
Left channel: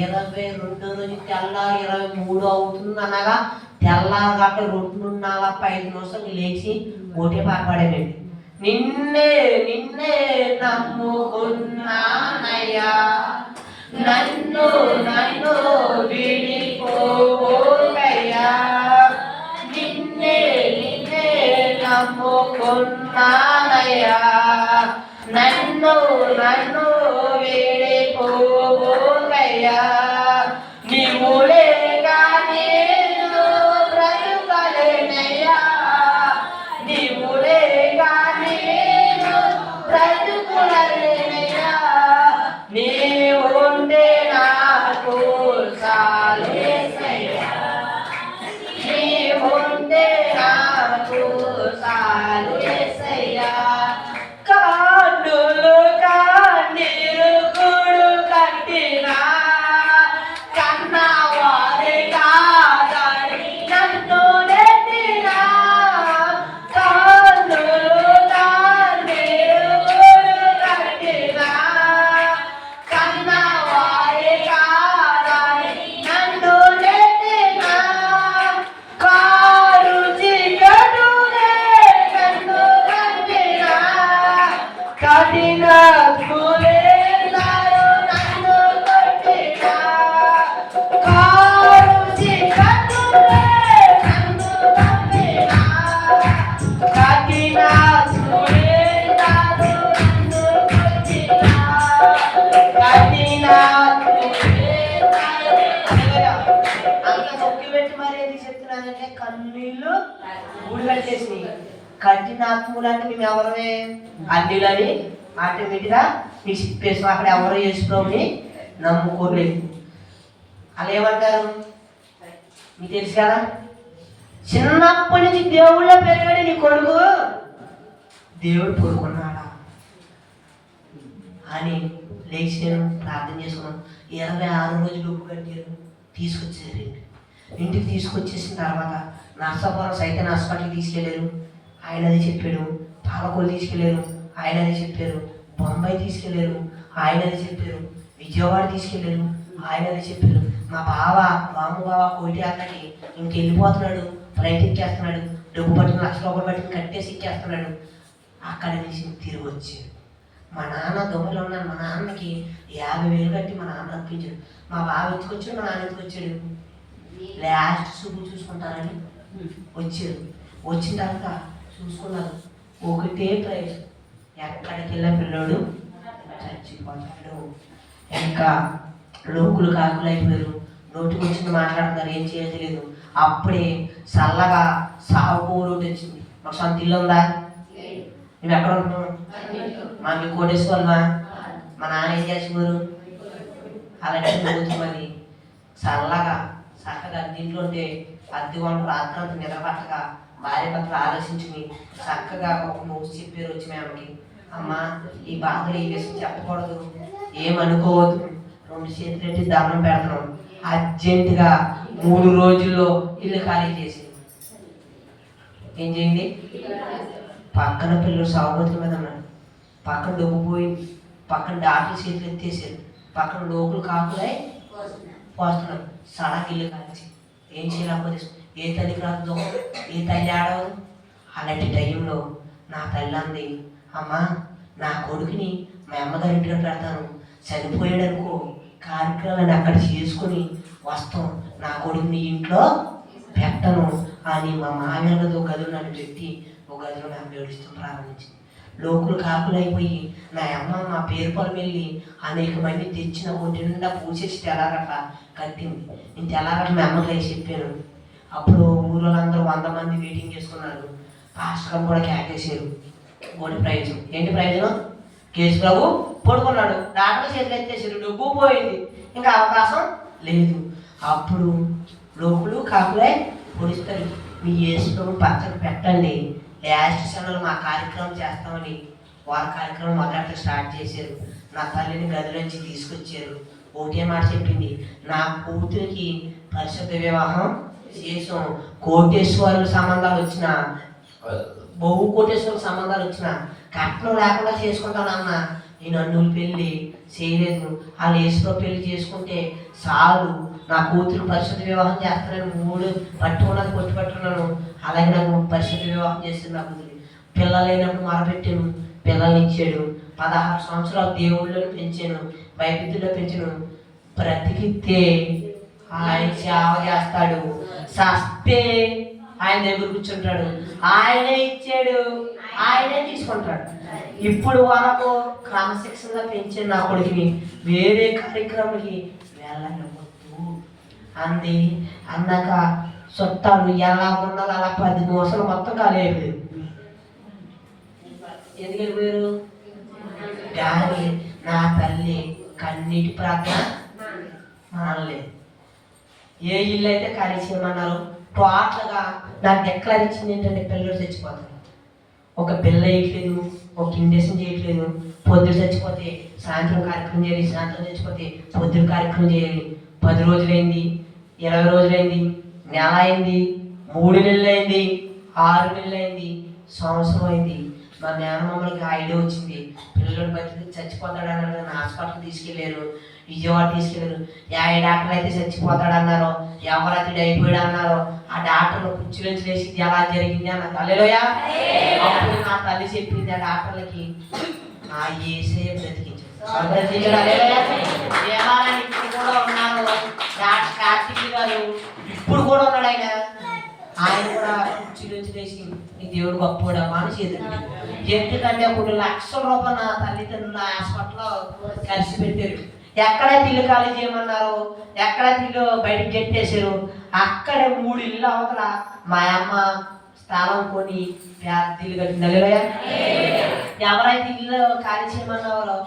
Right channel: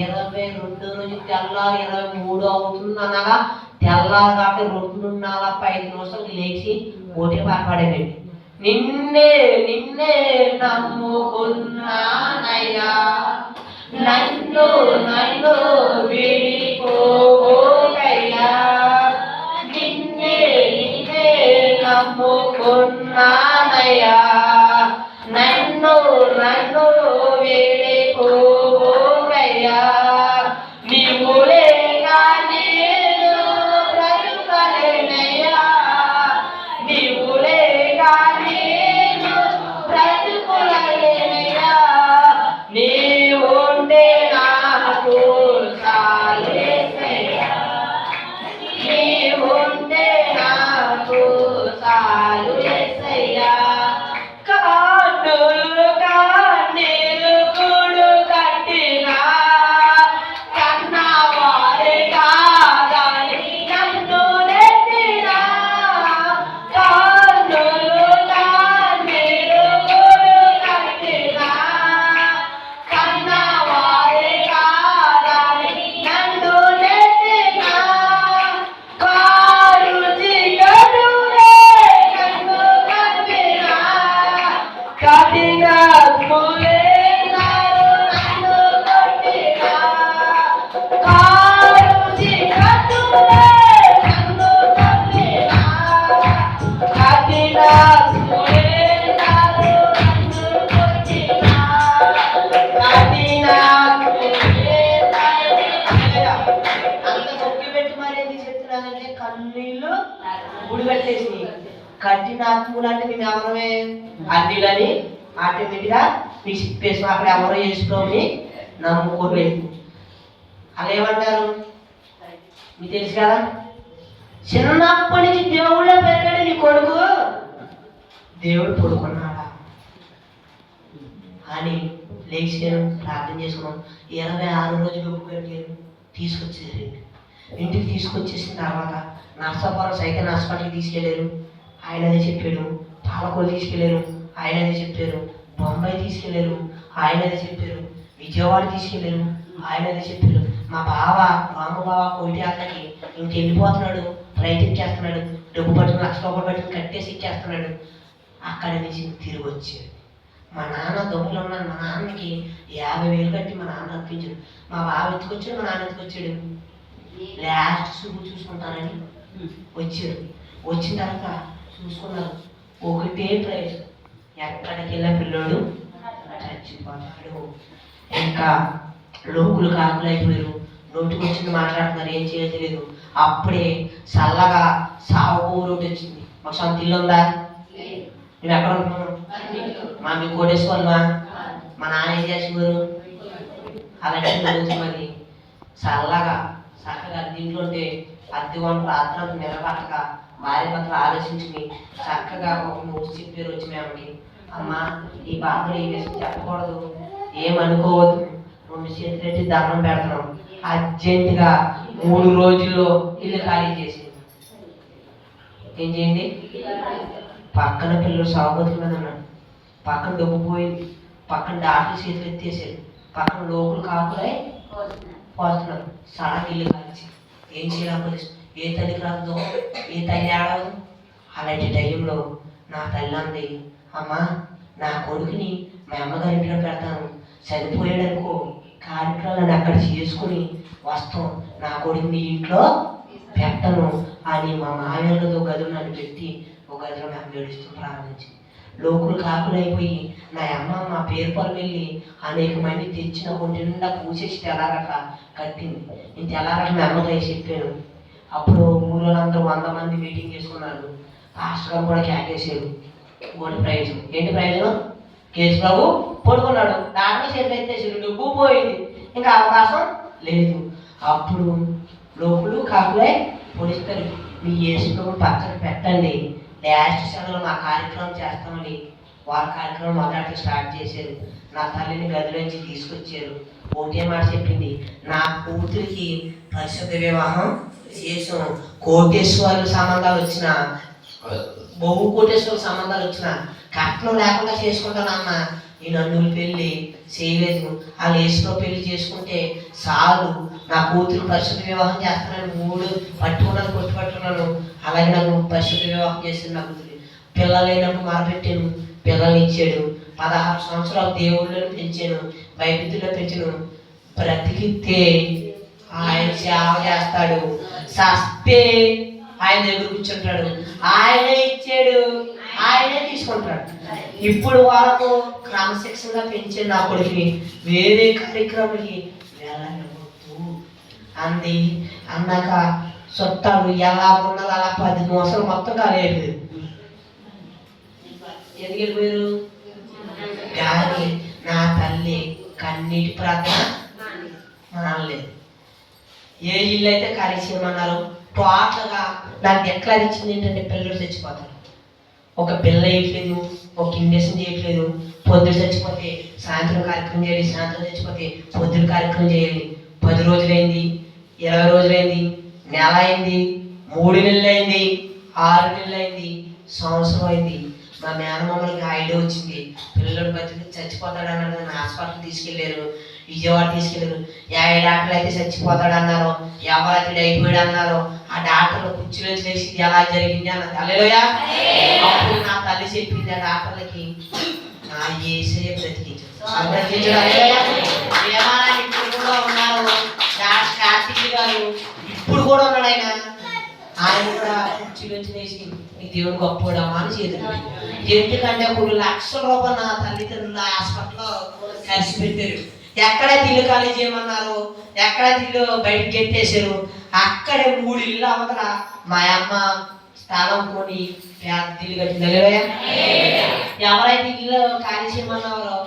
22వ రోజు తెల్లారు 23 అవుతుంది అనగా తెల్లారు గట్ట 2:45 లేచి ఓటే పాడపాడానండి. నిన్నే నిన్నే నమ్ముకున్నానయ్యా, నన్ను నన్ను విడిపోకయ్యా. నిన్నే నిన్నే నమ్ముకున్నానయ్యా, నన్ను నన్ను విడిపోకయ్యా. నీవు లేక నేను బ్రతుకలేనయ్యా, నీవు లేక నేను బ్రతుకులలేనయ్యా. నీవుంటే నాకు చాలు యేసయ్యా, నీవుంటే నాకు చాలు యేసయ్యా. కన్నులు కన్నీరు కూడు కట్టినా కఠినాత్ములు అంటే మేము ఎవరమే అన్నిలని ఆటోమేటిక్గా మీకు చెప్పేసాం. అక్కడ ఎవరో చేసుకోమని నమ్ముకోలేదు. అలా ఏమంటారు మీకు తెలుసు కదా, చిన్నప్పటి నుంచి దేవుళ్ళ పెరిగాడు నీ కొడుకు, దేవుడు పడుకున్నాడా అని లేచి నేను ప్రార్థన చేసుకున్నాను. 26 రోజులు డబ్బు కట్టారు, తీసుకొచ్చేసారు. ఇంటికి తీసుకొచ్చేసిన తర్వాత నర్సాపురం సైతం హాస్పిటల్కి తీసుకెళ్ళారు, ఆయన అదే చెప్పాడు. పాలకొల్లు తీసుకెళ్ళారు, ఆయన అదే చెప్పారు. బొంబాయి తీసుకెళ్ళారు, ఆయన అదే చెప్పారు. విజయవాడ తీసుకెళ్ళారు, ఆయన అదే చెప్పారు. మా బావ రాము బావ కోటియాలకి ఇంకెళ్ళిపోతున్నాడు, ఫ్లైట్ ఎక్కేస్తున్నాడు, డబ్బు పట్టుకుని ₹1,00,000 పట్టుకుని కట్టేసి ఎక్కేస్తున్నాడు. అక్కడ నుంచి తిరిగి వచ్చాడు. మా నాన్న దొంగలు ఉన్నాను, మా నాన్నకి 50,000 కట్టి మా నాన్న అనిపించాడు. మా బావ ఎత్తుకొచ్చాడు, మా నాన్న ఎత్తుకొచ్చాడు. లాస్ట్ చూపు చూసుకుంటానని వచ్చాడు. వచ్చిన తర్వాత చూసుకున్నారు, ఒకటే ప్రైజ్, ఎక్కడికి వెళ్ళిన పిల్లోడు చచ్చిపోతాడు. ఇంకా లోకులు కాకులు అయిపోయారు, నోటికి వచ్చింది మాట్లాడుతున్నారు, ఏం చేయాలో తెలియదు. అప్పుడే చల్లగా సాగు రోడ్డు వచ్చింది. మాకు సొంత ఇల్లు ఉందా? మేము ఎక్కడ ఉంటున్నాం? మా మీ కోటేశ్వరమా? మా నాన్న ఏం చేసేవారు? అలాంటి మరి చల్లగా చక్కగా దీంట్లో ఉంటే అద్దె వంటలు రాత్రి నిలబట్టక భార్య భర్తలు ఆలోచించుకుని చక్కగా ఒక మూడు చెప్పారు వచ్చి మేమకి, అమ్మ ఈ బాధలు ఈ విషయం చెప్పకూడదు, ఏమనుకోవద్దు, 2 చేతులు ఎట్టి దండం పెడుతున్నాం. అర్జెంటుగా 3 రోజుల్లో ఇల్లు ఖాళీ చేసి ఏం చేయండి. పక్కన పిల్లలు సాగుబతుల మీద ఉన్నాడు, పక్కన డబ్బు పోయింది, పక్కన డాక్టర్ చేతులు ఎత్తేసారు, పక్కన లోకులు కాకులై పోస్తున్నారు. సడక్ ఇల్లు కాల్చి ఏం చేయాలి? ఏ తల్లికి రాదు, ఏ తల్లి ఆడవదు. అలాంటి టైంలో నా తల్లి అంది, అమ్మ నా కొడుకుని మా అమ్మగారి ఇంటికి పెడతాను, చనిపోయాడు అనుకో, కార్యక్రమాలను అక్కడ చేసుకుని వస్తాం, నా కొడుకుని ఇంట్లో పెట్టను అని మా మామయ్యతో గదులు నన్ను పెట్టి ఒక గదిలో మేము ఏడుస్తూ ప్రారంభించింది. లోకులు కాకులు అయిపోయి నా అమ్మ మా పేరు పొలం వెళ్ళి అనేక మంది తెచ్చిన కొంచెం నిండా పూసేసి తెల్లారట్లా కట్టింది. నేను తెల్లారట్లా మా అమ్మకి వేసి చెప్పాను. అప్పుడు ఊళ్ళోళ్ళందరూ 100 మంది మీటింగ్ చేసుకున్నారు. పాస్టర్ కూడా క్యాకేసారు. గోడి ప్రయోజనం ఏంటి? ప్రయోజనం కేసు బాబు పడుకున్నాడు, డాక్టర్ చేతులు ఎత్తేసారు, డబ్బు పోయింది, ఇంకా అవకాశం లేదు. అప్పుడు లోకులు కాకులే పొడిస్తారు, మీ యేసు పచ్చడి పెట్టండి, లాస్ట్ సెలవులు మా కార్యక్రమం చేస్తామని వాళ్ళ కార్యక్రమం మొదట స్టార్ట్ చేశారు. నా తల్లిని గదిలోంచి తీసుకొచ్చారు. ఒకటే మాట చెప్పింది, నా కూతురికి పరిశుద్ధ వివాహం చేసాం. కోటేశ్వరుల సంబంధాలు వచ్చిన, బహు కోటేశ్వరుల సంబంధాలు వచ్చిన కట్నం లేకుండా చేసుకుంటానన్న ఈ నన్నులు పెళ్ళి చేయలేదు. ఆ లేసులో పెళ్లి చేసుకుంటే చాలు, నా కూతురు పరిశుద్ధ వివాహం చేస్తానని 3 పట్టుకున్నది పట్టుకున్నాను. అలాగే నాకు పరిశుద్ధ వివాహం చేసింది. నా కూతురు పిల్లలైనప్పుడు మొరపెట్టాను, పిల్లల్ని ఇచ్చాడు. 16 సంవత్సరాలు దేవుళ్ళని పెంచాను, బైబిల్లో పెంచాను. బ్రతికితే ఆయన సేవ చేస్తాడు, సస్తే ఆయన దగ్గర కూర్చుంటాడు. ఆయనే ఇచ్చాడు, ఆయనే తీసుకుంటాడు. ఇప్పుడు వరకు క్రమశిక్షణగా పెంచాను నా కొడుకుని, వేరే కార్యక్రమానికి వెళ్ళవద్దు అంది. అన్నాక చుట్టాలు ఎలా ఉన్నది అలా 10 నిమిషాలు మొత్తం ఖాళీ అయిపోయారు. ఎందుకు వెళ్ళిపోయారు? కానీ నా తల్లి కన్నీటి ప్రార్థన మానలేదు. ఏ ఇల్లు అయితే ఖాళీ చేయమన్నారు టోటల్గా నాకు డిక్లేర్ ఇచ్చింది ఏంటంటే, పిల్లలు చచ్చిపోతారు, ఒక పిల్ల వేయట్లేదు, ఒక ఇండక్షన్ చేయట్లేదు. పొద్దున చచ్చిపోతే సాయంత్రం కార్యక్రమం చేయాలి, సాయంత్రం చచ్చిపోతే పొద్దున కార్యక్రమం చేయాలి. 10 రోజులైంది, 20 రోజులైంది, నెల అయింది, 3 నెలలు అయింది, 6 నెలలు అయింది, సంవత్సరం అయింది. మా మేనమామలకి ఐడియా వచ్చింది, పిల్లలు బతికి చచ్చిపోతాడన్నారు. హాస్పిటల్ తీసుకెళ్ళారు, విజయవాడ తీసుకెళ్ళారు. ఏ డాక్టర్ అయితే చచ్చిపోతాడన్నారో, ఎవరైతే అయిపోయాడు అన్నారో ఆ డాక్టర్లు కుర్చీలో చేసి ఎలా జరిగింది అన్నది. హల్లెలూయా. అప్పుడు నా తల్లి చెప్పింది ఆ డాక్టర్లకి, నా యేసే బ్రతికించాడు. ఇప్పుడు కూడా ఉన్నారు డాక్టర్ కార్తీక్ గారు, ఇప్పుడు కూడా ఉన్నాడు ఆయన. ఆయన కూడా కుర్చీలో చేసి నీ దేవుడు గొప్పడమ్మా అని చేతులు. ఎందుకంటే అప్పుడు ₹1,00,000 నా తల్లిదండ్రులు హాస్పిటల్లో కలిసి పెట్టారు. ఎక్కడైతే ఇల్లు ఖాళీ చేయమన్నారు, ఎక్కడైతే ఇల్లు బయటకు గెట్టేశారు, అక్కడే 3 ఇల్లు అవతల మా అమ్మ స్థానం కొని పెద్ద కట్టింది. హల్లెలూయా. ఎవరైతే ఇల్లు ఖాళీ చేయమన్నారో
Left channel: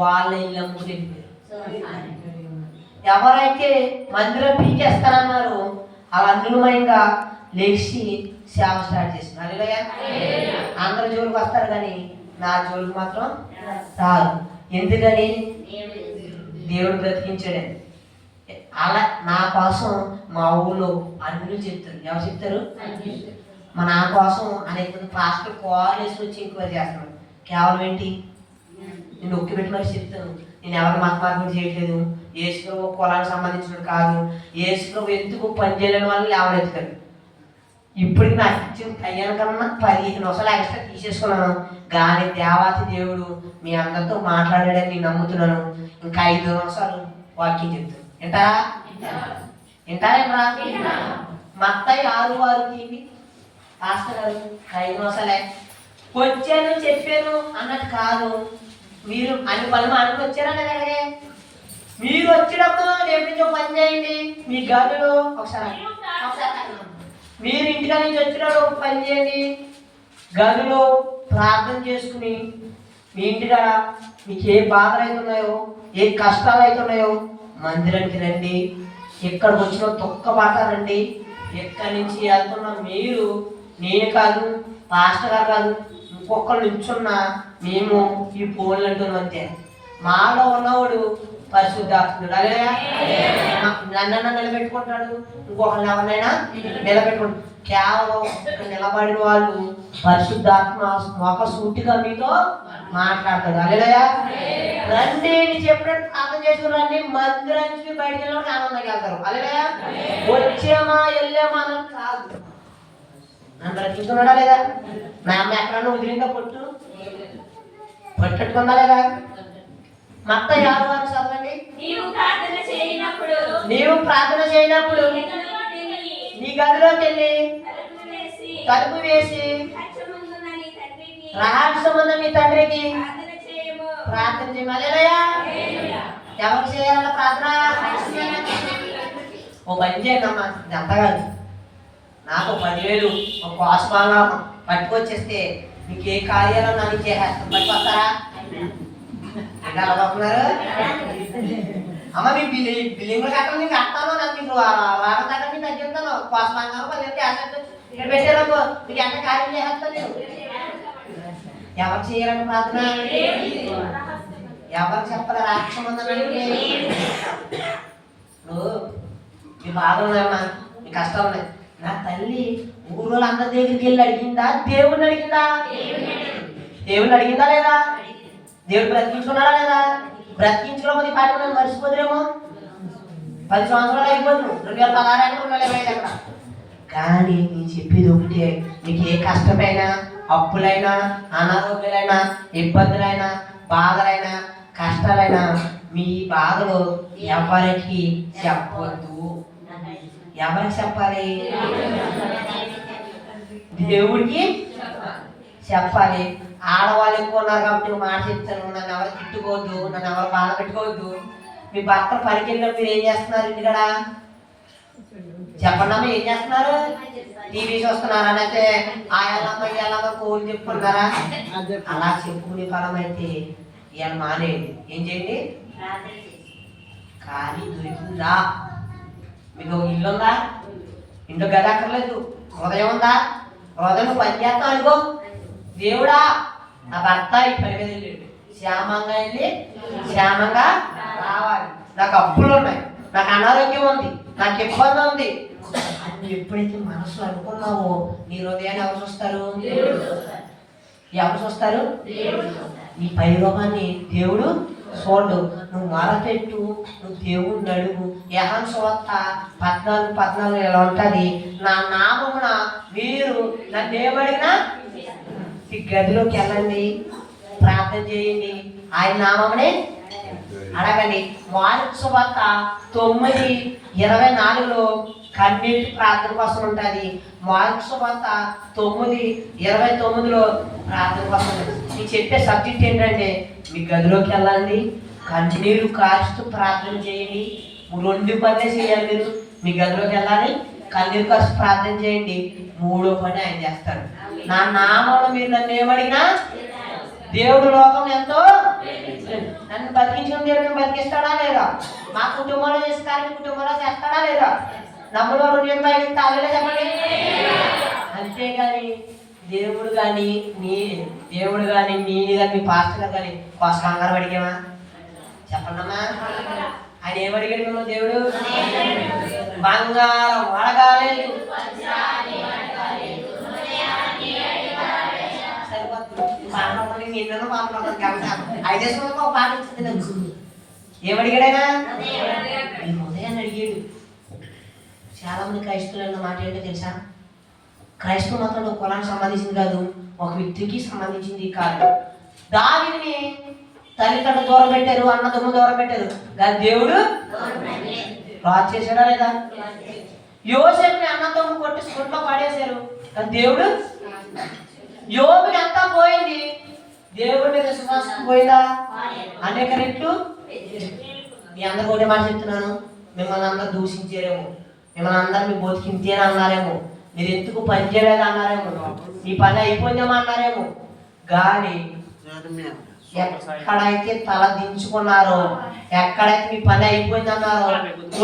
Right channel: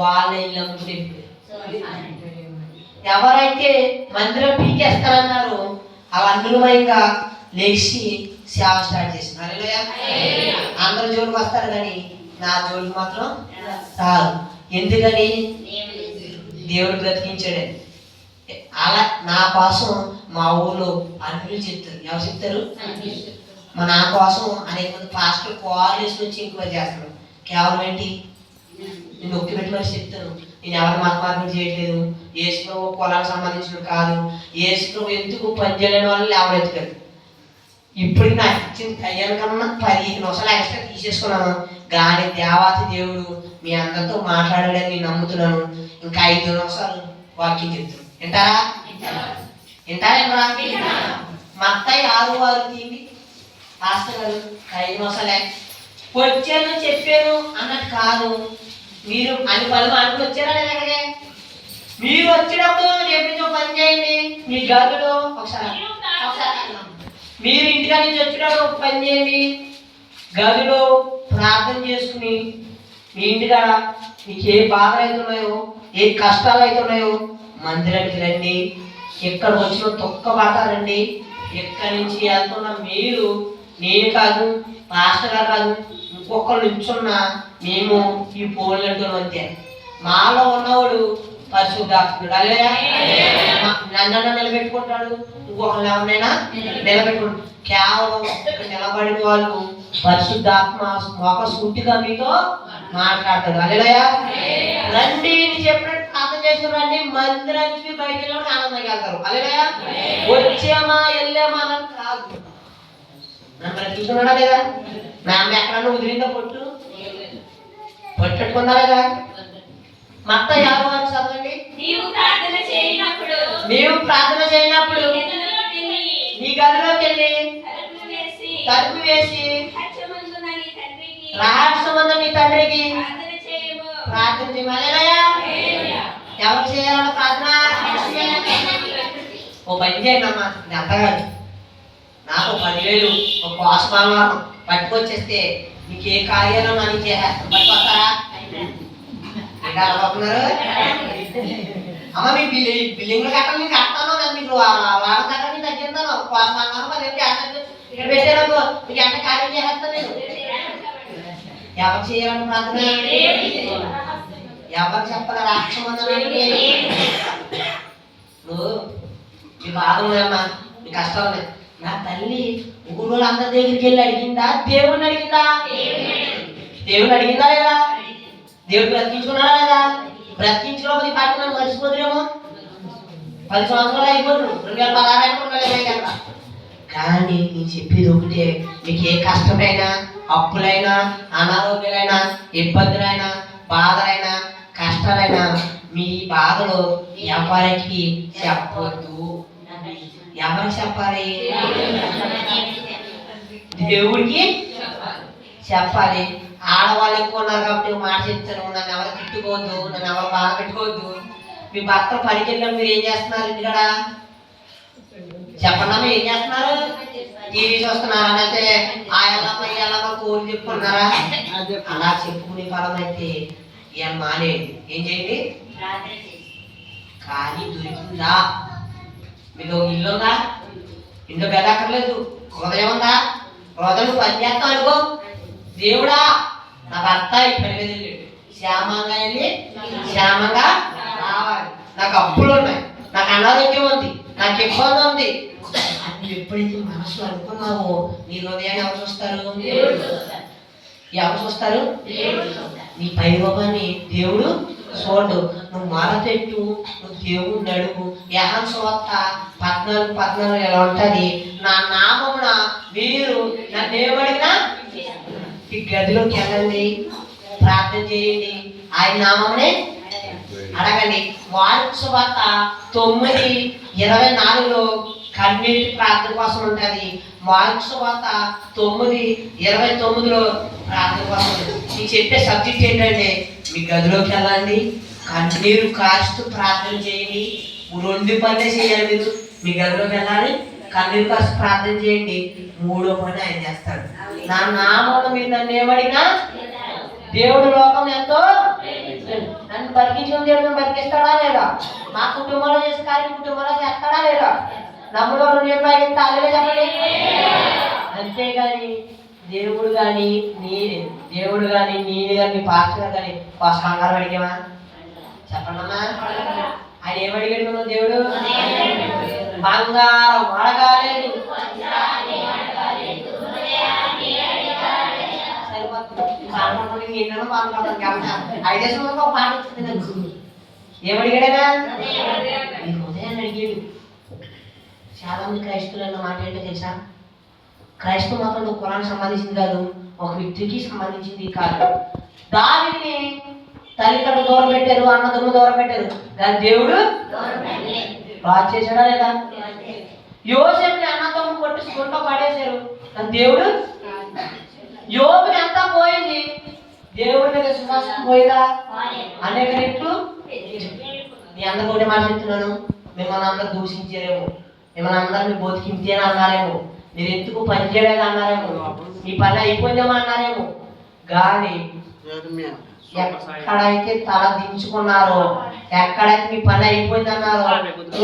వాళ్ళ ఇల్లు అమ్ముకుని, ఎవరైతే మందిరం పీకేస్తారన్నారో అలా అనుమయంగా లేచి సేవ స్టార్ట్ చేసింది. హల్లెలూయా. అందరు జోలికి వస్తారు కానీ నా జోలికి మాత్రం రాదు. ఎందుకని? దేవుడు బ్రతికించాడు. అలా నా కోసం మా ఊళ్ళో అన్నిలు చెప్తారు. ఎవరు చెప్తారు? నా కోసం అనేక మంది పాస్టర్లు కాల్ వేసుకొచ్చి ఇంకో చేస్తాడు. కేవలం ఏంటి? నేను నొక్కి పెట్టి మరి చెప్తాను, నేను ఎవరు మతమార్గం చేయట్లేదు, యేసులో కులానికి సంబంధించిన కాదు, యేసులో ఎందుకు పని చేయలేని వాళ్ళు లేవనెత్తుకారు. ఇప్పటికి నాకు ఇచ్చిన కయ్యాల కన్నా 15 నిమిషాలు ఎక్స్ట్రా తీసేసుకున్నాను. కానీ దేవాతి దేవుడు మీ అందరితో మాట్లాడాడని నేను నమ్ముతున్నాను. ఇంకా 5 నిమిషాలు వాక్యం చెప్తాను. వింటారా? వింటారా? మత్తయి 6:6 తీయండి. పాస్టర్ గారు 5 నిమిషాలే వచ్చాను చెప్పాను అన్నట్టు కాదు. మీరు అన్ని పనులు మాట్లాడి వచ్చారా లేదా? అక్కడికే మీరు వచ్చినప్పుడు ఎప్పటి నుంచో పని చేయండి. మీ గదులు ఒకసారి మీరు ఇంటికా నుంచి వచ్చినప్పుడు పని చేయండి. గదిలో ప్రార్థన చేసుకుని మీ ఇంటికాడ మీకు ఏ బాధలు అవుతున్నాయో, ఏ కష్టాలు అవుతున్నాయో మందిరానికి రండి. ఎక్కడికి వచ్చిన తొక్కబాతారండి. ఎక్కడి నుంచి వెళ్తున్న మీరు, నేను కాదు, పాస్టర్ గారు కాదు, ఇంకొకరు నిల్చున్నా మేము ఈ పోలు అంటున్నాం అంతే. మాలో ఉన్నవాడు పరిశుద్ధాత్ముడు. హల్లెలూయా. నన్ను నిలబెట్టుకుంటాడు, ఇంకొకరిని ఎవరినైనా నిలబెట్టుకుంటాడు. కేవలం ఇక్కడ నిలబడిన వాళ్ళు పరిశుద్ధాత్మ మొక సూటిగా మీతో మాట్లాడతాడు. హల్లెలూయా. రండి అని చెప్పినట్టు ప్రార్థన చేసుకురండి. మందిరానికి బయట వెళ్ళి ఆనందంగా వెళ్తారు. హల్లెలూయా. వచ్చామా వెళ్ళామా అన్నది కాదు. నన్ను బ్రతికించుకున్నాడా లేదా? నా అమ్మ ఎక్కడన్నా వదిలిందా? పట్టుకుందా లేదా? మత్తయి 6:6 చదవండి. నీవు ప్రార్థన చేయనప్పుడు నీ గదిలోకి వెళ్ళి తలుపు వేసి రహస్యమందు నీ తండ్రికి ప్రార్థన చేయమని. ఎవరు చేయాలన్న ప్రార్థన? ఓ పని చేయండి అమ్మా, ఇది అంత కాదు. నాకు 10,000 ఒక కోసమాలను పట్టుకొచ్చేస్తే మీకు ఏ కార్యాలు నన్ను చేసేస్తాం. పట్టుకొస్తారా? ఇంకా అనుకుంటున్నారు? అమ్మ మీ బిల్డింగ్లు కట్టాలి, నేను కట్టాను, నేను మీకు వారం కట్టాలి, నేను తగ్గిస్తాను. కోసమాలను 10,000 ఇక్కడ పెట్టారనుకో మీకు ఎంత కార్యం చేసేస్తాను నేను. ఎవరు చేయాలని ప్రార్థన? ఎవరు చెప్పాలి? రాక్షమందని నువ్వు మీ బాధలు ఉన్నాయమ్మా, మీ కష్టాలు ఉన్నాయి. నా తల్లి ఊళ్ళో అందరి దగ్గరికి వెళ్ళి అడిగిందా? దేవుడిని అడిగిందా? దేవుడిని అడిగిందా లేదా? దేవుడు బ్రతికించుకున్నాడా లేదా? బ్రతికించుకోకపోతే పాటు నన్ను మర్చిపోతురేమో. 10 సంవత్సరాలు అయిపోతుంది, 2016 అయినా 2020 అక్కడ. కానీ నేను చెప్పేది ఒకటే, మీకు ఏ కష్టమైనా, అప్పులైనా, అనారోగ్యాలైనా, ఇబ్బందులైనా, బాధలైనా, కష్టాలైనా మీ బాధలు ఎవరికి చెప్పొద్దు. ఎవరికి చెప్పాలి? దేవుడికి చెప్పాలి. ఆడవాళ్ళు ఎక్కువ ఉన్నారు కాబట్టి మాట చెప్తాను, నన్ను ఎవరు తిట్టుకోవద్దు, నన్ను ఎవరు బాధ పెట్టుకోవద్దు. మీ భర్త పనికి వెళ్ళినప్పుడు మీరు ఏం చేస్తున్నారు? ఇంటికాడ చెప్పండి. ఏం చేస్తున్నారు? టీవీ చూస్తున్నారా? లేకపోతే ఆ ఎల్లమ్మ ఈ ఎల్లమ్మ కోరి చెప్పుకున్నారా? అలా చెప్పుకునే పదం అయితే ఇవాళ మానేయండి. ఏం చేయండి? కానీ దొరికిందా? మీకు ఇల్లు ఉందా? ఇంట్లో గది అక్కర్లేదు. హృదయం ఉందా? హృదయం పని చేస్తాం అనుకో. దేవుడా నా భర్త ఈ పని మీద వెళ్ళాడు, క్షేమంగా వెళ్ళి క్షేమంగా రావాలి. నాకు అప్పులు ఉన్నాయి, నాకు అనారోగ్యం ఉంది, నాకు ఇబ్బంది ఉంది. నువ్వు ఎప్పుడైతే మనసులో అనుకున్నావో నీ హృదయాన్ని ఎవరు చూస్తారు? ఎవరు చూస్తారు? నీ పైరోగాన్ని దేవుడు చూడు. నువ్వు మొరపెట్టు, నువ్వు దేవుడిని అడుగు. యెహోవా సువార్త 14:14 ఎలా ఉంటుంది? నా నామమున మీరు నన్ను ఏమడిగినా ఈ గదిలోకి వెళ్ళండి, ప్రార్థన చేయండి, ఆయన నామమునే అడగండి. మార్కు సువార్త 9:24 కన్నీటి ప్రార్థన కోసం ఉంటుంది. మార్కు సువార్త 9:29 ప్రార్థన కోసం ఉంటుంది. మీకు చెప్పే సబ్జెక్ట్ ఏంటంటే మీ గదిలోకి వెళ్ళండి, కన్నీరు కారుస్తూ ప్రార్థన చేయండి. 2 పనులే చేయాలి. మీరు మీ గదిలోకి వెళ్ళాలి, కన్నీరు కాసి ప్రార్థన చేయండి, మూడో పని ఆయన చేస్తాడు. నా నామంలో మీరు నన్ను ఏమడిగినా దేవుడు లోకం ఎంతో నన్ను బతికించిన దేవుడు బతికిస్తాడా లేదా? మా కుటుంబంలో చేసే కార్యం కుటుంబంలో చేస్తాడా లేదా? నమ్ములో తాగలే చెప్పండి. అంతేగాని దేవుడు కానీ నేను కానీ మీ పాస్టర్ కానీ కాస్త బంగారం అడిగామా చెప్పండమ్మా? ఆయన ఏమడిగాడు దేవుడు? బంగారం అడగాలేదు, పాట వచ్చింది నాకు. ఏమడిగాడైనా ఉదయాన్ని అడిగాడు. చాలా మంది క్రైస్తవులు మాట ఏంటో తెలుసా? క్రైస్తవ మతంలో కులానికి సంబంధించింది కాదు, ఒక వ్యక్తికి సంబంధించింది కాదు. దావీదుని తల్లిదండ్రులు దూరం పెట్టారు, అన్నదమ్ములు దూరం పెట్టారు, కానీ దేవుడు బాగా చేశాడా లేదా? యోసేపుని అన్నదమ్ములు కొట్టించుకుంటూ పడేశారు, కానీ దేవుడు యోబుని అంతా పోయింది, దేవుడి మీద విశ్వాసం పోయిందా? అనేక రెట్లు. మీ అందరూ ఒకటే మాట చెప్తున్నాను, మిమ్మల్ని అందరూ దూషించారేమో, మిమ్మల్ని అందరూ మీ బతికింతేనే అన్నారేమో, మీరు ఎందుకు పని చేయలేదు అన్నారేమో, మీ పని అయిపోయిందేమో అన్నారేమో, కానీ ఎక్కడైతే తల దించుకున్నారో, ఎక్కడైతే మీ పని అయిపోయింది అన్నారో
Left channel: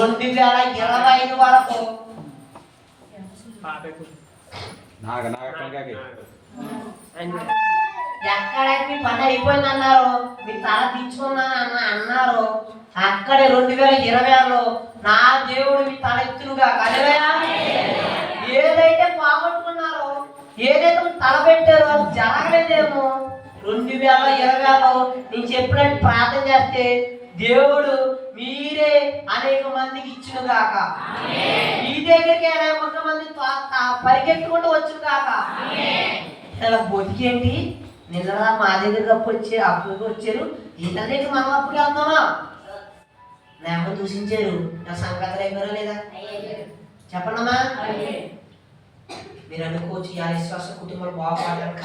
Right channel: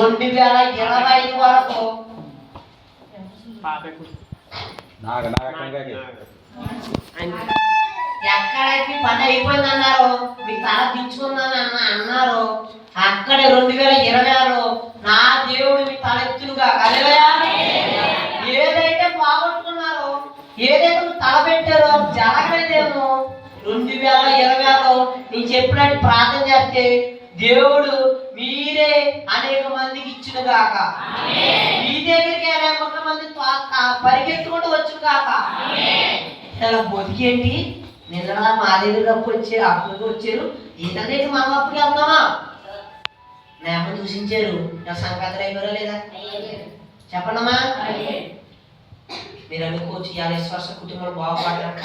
2025 వరకు ఎక్కడైతే పని అయిపోయింది అన్నారో, మీ తల దించుకున్నాను అన్నారో, అక్కడే 2026లో నా దేవుడు మీ తల ఎత్తులుగా కలవయా. ఏదైతే పోగొట్టుకున్నారో, ఏదైతే తల పెట్టారో జరగలేదేమో, 2026లో నేను చెప్పినట్టు ప్రార్థన చేస్తే దేవుడు మీరే అనేక మందికి ఇచ్చును గాక, మీ దగ్గరికి అనేక మంది పరిగెత్తుకుంటూ వచ్చును గాక. ఇలా బతికేంటి? నిన్న మా దగ్గరికి అప్పుడుకి వచ్చారు, ఏంటంటే మనం అప్పుడు వెళ్తామా? నేమ దూషించారు, నా సంక్రాంతి అయిపోయారా లేదా చెప్పండమ్మా? మీరు అనుకోవచ్చు ఇవాళ విశ్వాస కుటుంబాలు బాగుపడడానికి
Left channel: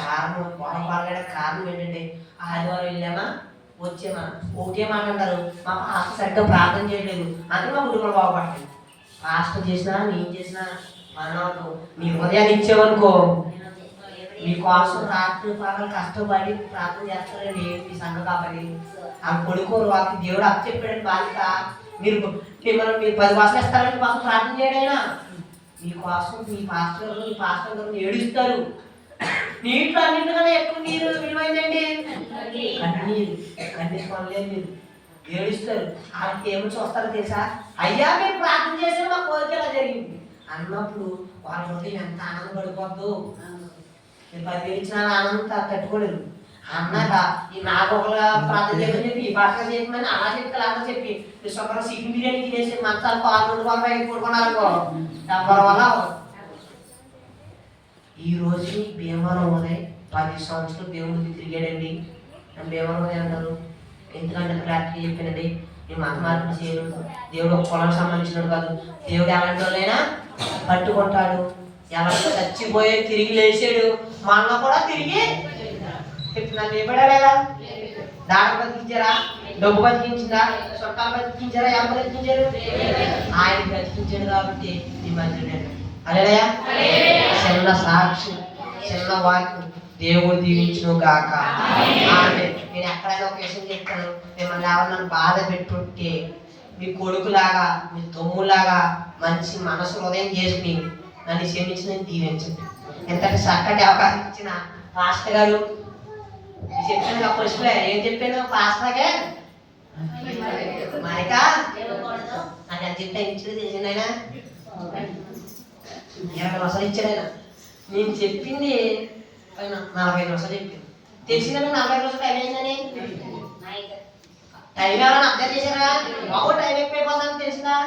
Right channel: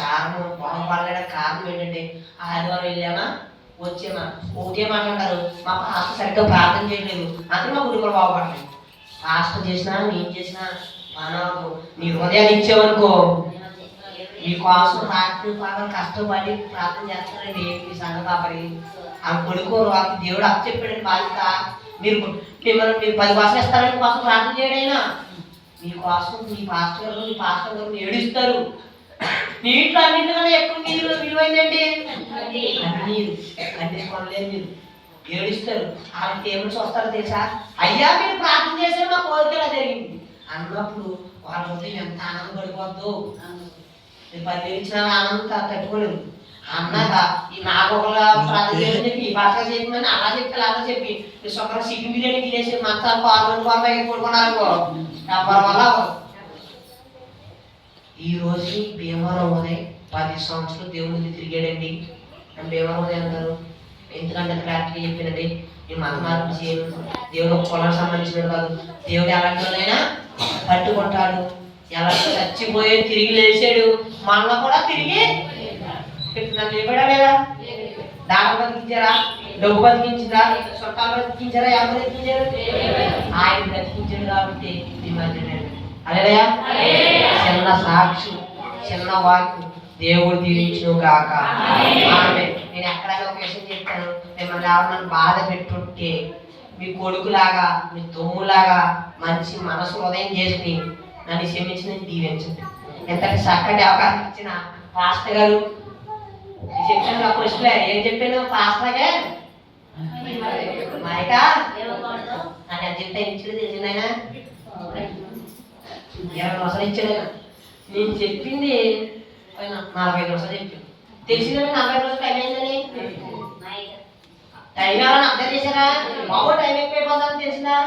కారణం ఏంటంటే ఆదివారం వెళ్ళామా వచ్చామా ఒకటే మాట్లాడతారు, మా పాస్టర్ సరిగ్గా ప్రార్థన చేయలేదు, అందరూ మా కుటుంబాలు బాగుపడతాయి. పాస్టర్ చేసినా నేను చేసినా మనకు నీ హృదయాన్ని ఇచ్చేవనుకో, మీ కోసం రాత్రి పగలు కష్టపడి ప్రార్థన చేస్తారండి మీ సంఘ కాపరి. ఆ కొడుకోరు వాళ్ళకి దేవుడు అప్పు చెప్పాడండి బాధ్యత. మీరు 10 భాషలు ఇస్తారని కోసం ప్రార్థన చేయడైనా మీకోసం మీ పాస్టర్ గారు ఏడుస్తారు. నీటిలో అన్నింటికన్నా ఎక్కువ నీరు విలువైందండి కన్నీరు. కన్నీరు కొనలేదు, మీరు ఏడుస్తారు. వాళ్ళకి ఏమని చూస్తారో తెలుసా? అయ్యా మీరు ప్రార్థన చేశారు, మా కోరిక ఎలా జరిగింది అన్నప్పుడు వాళ్ళ హృదయం ఎంత ఆనందపడిపోద్దు. మీరు 10,000 ఇచ్చిన ఆనందం తట్టుకోలేదు. అన్నాక ఈ నాకు ఒకలా ప్రార్థన చేయని చెప్పి ఈ భాషగా చెప్పమని అలా చెప్పి అలా చెప్పి ఒకరు చికెన్ బిర్యానీ తినేసి మసాలా పాల్గొని పడుకున్నారనుకో ఎవరి వల్ల. ఈ రోజు భీమవరం ఉదయం 10 సంవత్సరాలు దేవుడికి తిరిగాడండి. భీమవరం ఉదయం అంటారు, ఎందుకంటే క్లారిటీగా చెప్పానండి, నేను మత మార్పు చేయను, దేవుడు ఒక కులానికి సంబంధించినడు కాదు, దేవుడు ఎలాంటి వాళ్ళైనా పట్టుకుంటాడు. ఎలా చచ్చిపోయే తిరిగి లేచాడు, మళ్ళా కూడా తిరిగి నాకు లేపడా లేదా? దాడ బతికించారా? డబ్బు బతికించిందా? చుట్టాలు బతికించారా? ఎవరు బతికించారు? ఆయన బ్రతికించాడు కాబట్టి ఈ మధ్య అదేనా చిన్న సాక్షి, చిన్న వాక్యం దేవుడు దీవించును గాక. ఆమె నేను ఎక్కడైనా ఒక విషయం చెప్తాను, మిమ్మల్ని ఎవరు బాధ పెట్టుంటే మీ కొడుకులాగా మీ తమ్ములాగా మంచి మనసు ఉదయం చేసుకుని నన్ను క్షమించి నేను దీవించండి. ఎంతటి చక్కటి అవకాశం ఇచ్చిన పాస్టర్ గారు చెప్పాను నా క్వశ్చన్ ఏం చెప్పాను పాస్టర్గా మైక నాకు ఎంత చెప్తే ఇచ్చాడు తెలిసిందైనా 20 నిమిషాలు ఇచ్చాడైనా. నేను చెప్పింది 45 నిమిషాలు చెప్పాను. తెలిసిందని 40 నిమిషాలు టైం అయిందని టైం ఎవరైనా అర్థం చేశారా? బాబు టైం ఎక్కువైపోతుందని తెలిసిందా?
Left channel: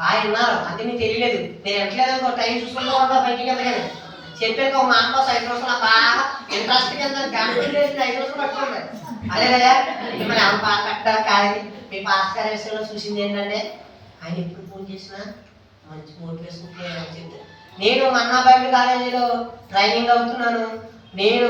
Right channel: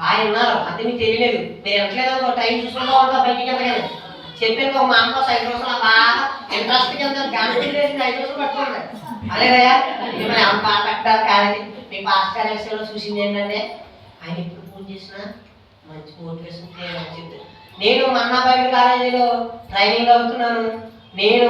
బాగా ఉన్నారు అంతే, మీకు తెలియలేదు. మీరు ఎంతలేదు టైం చూసుకుంటూ ఉంటారు బయటికి ఎంతలేదు చెప్పాను. ఒక మా అమ్మ 5 నిమిషాలు బాగా ఇంట్రెస్ట్ కింద గంటలు వేసి 5 నిమిషాలు పట్టుకోండి. అదే కదా మిమ్మల్ని ఏమన్నా బాగా కట్టాలి. కానీ మీ పాస్ విషయంలో చూసింది ఏంటంటే ఆయన ఎప్పుడు ఫోన్ చేసినా మంచి మోటివేషన్ చెప్తాను. నేను అన్నా బైబిల్ కాలేజీలో ట్రైనింగ్ అవుతున్నాను. నేను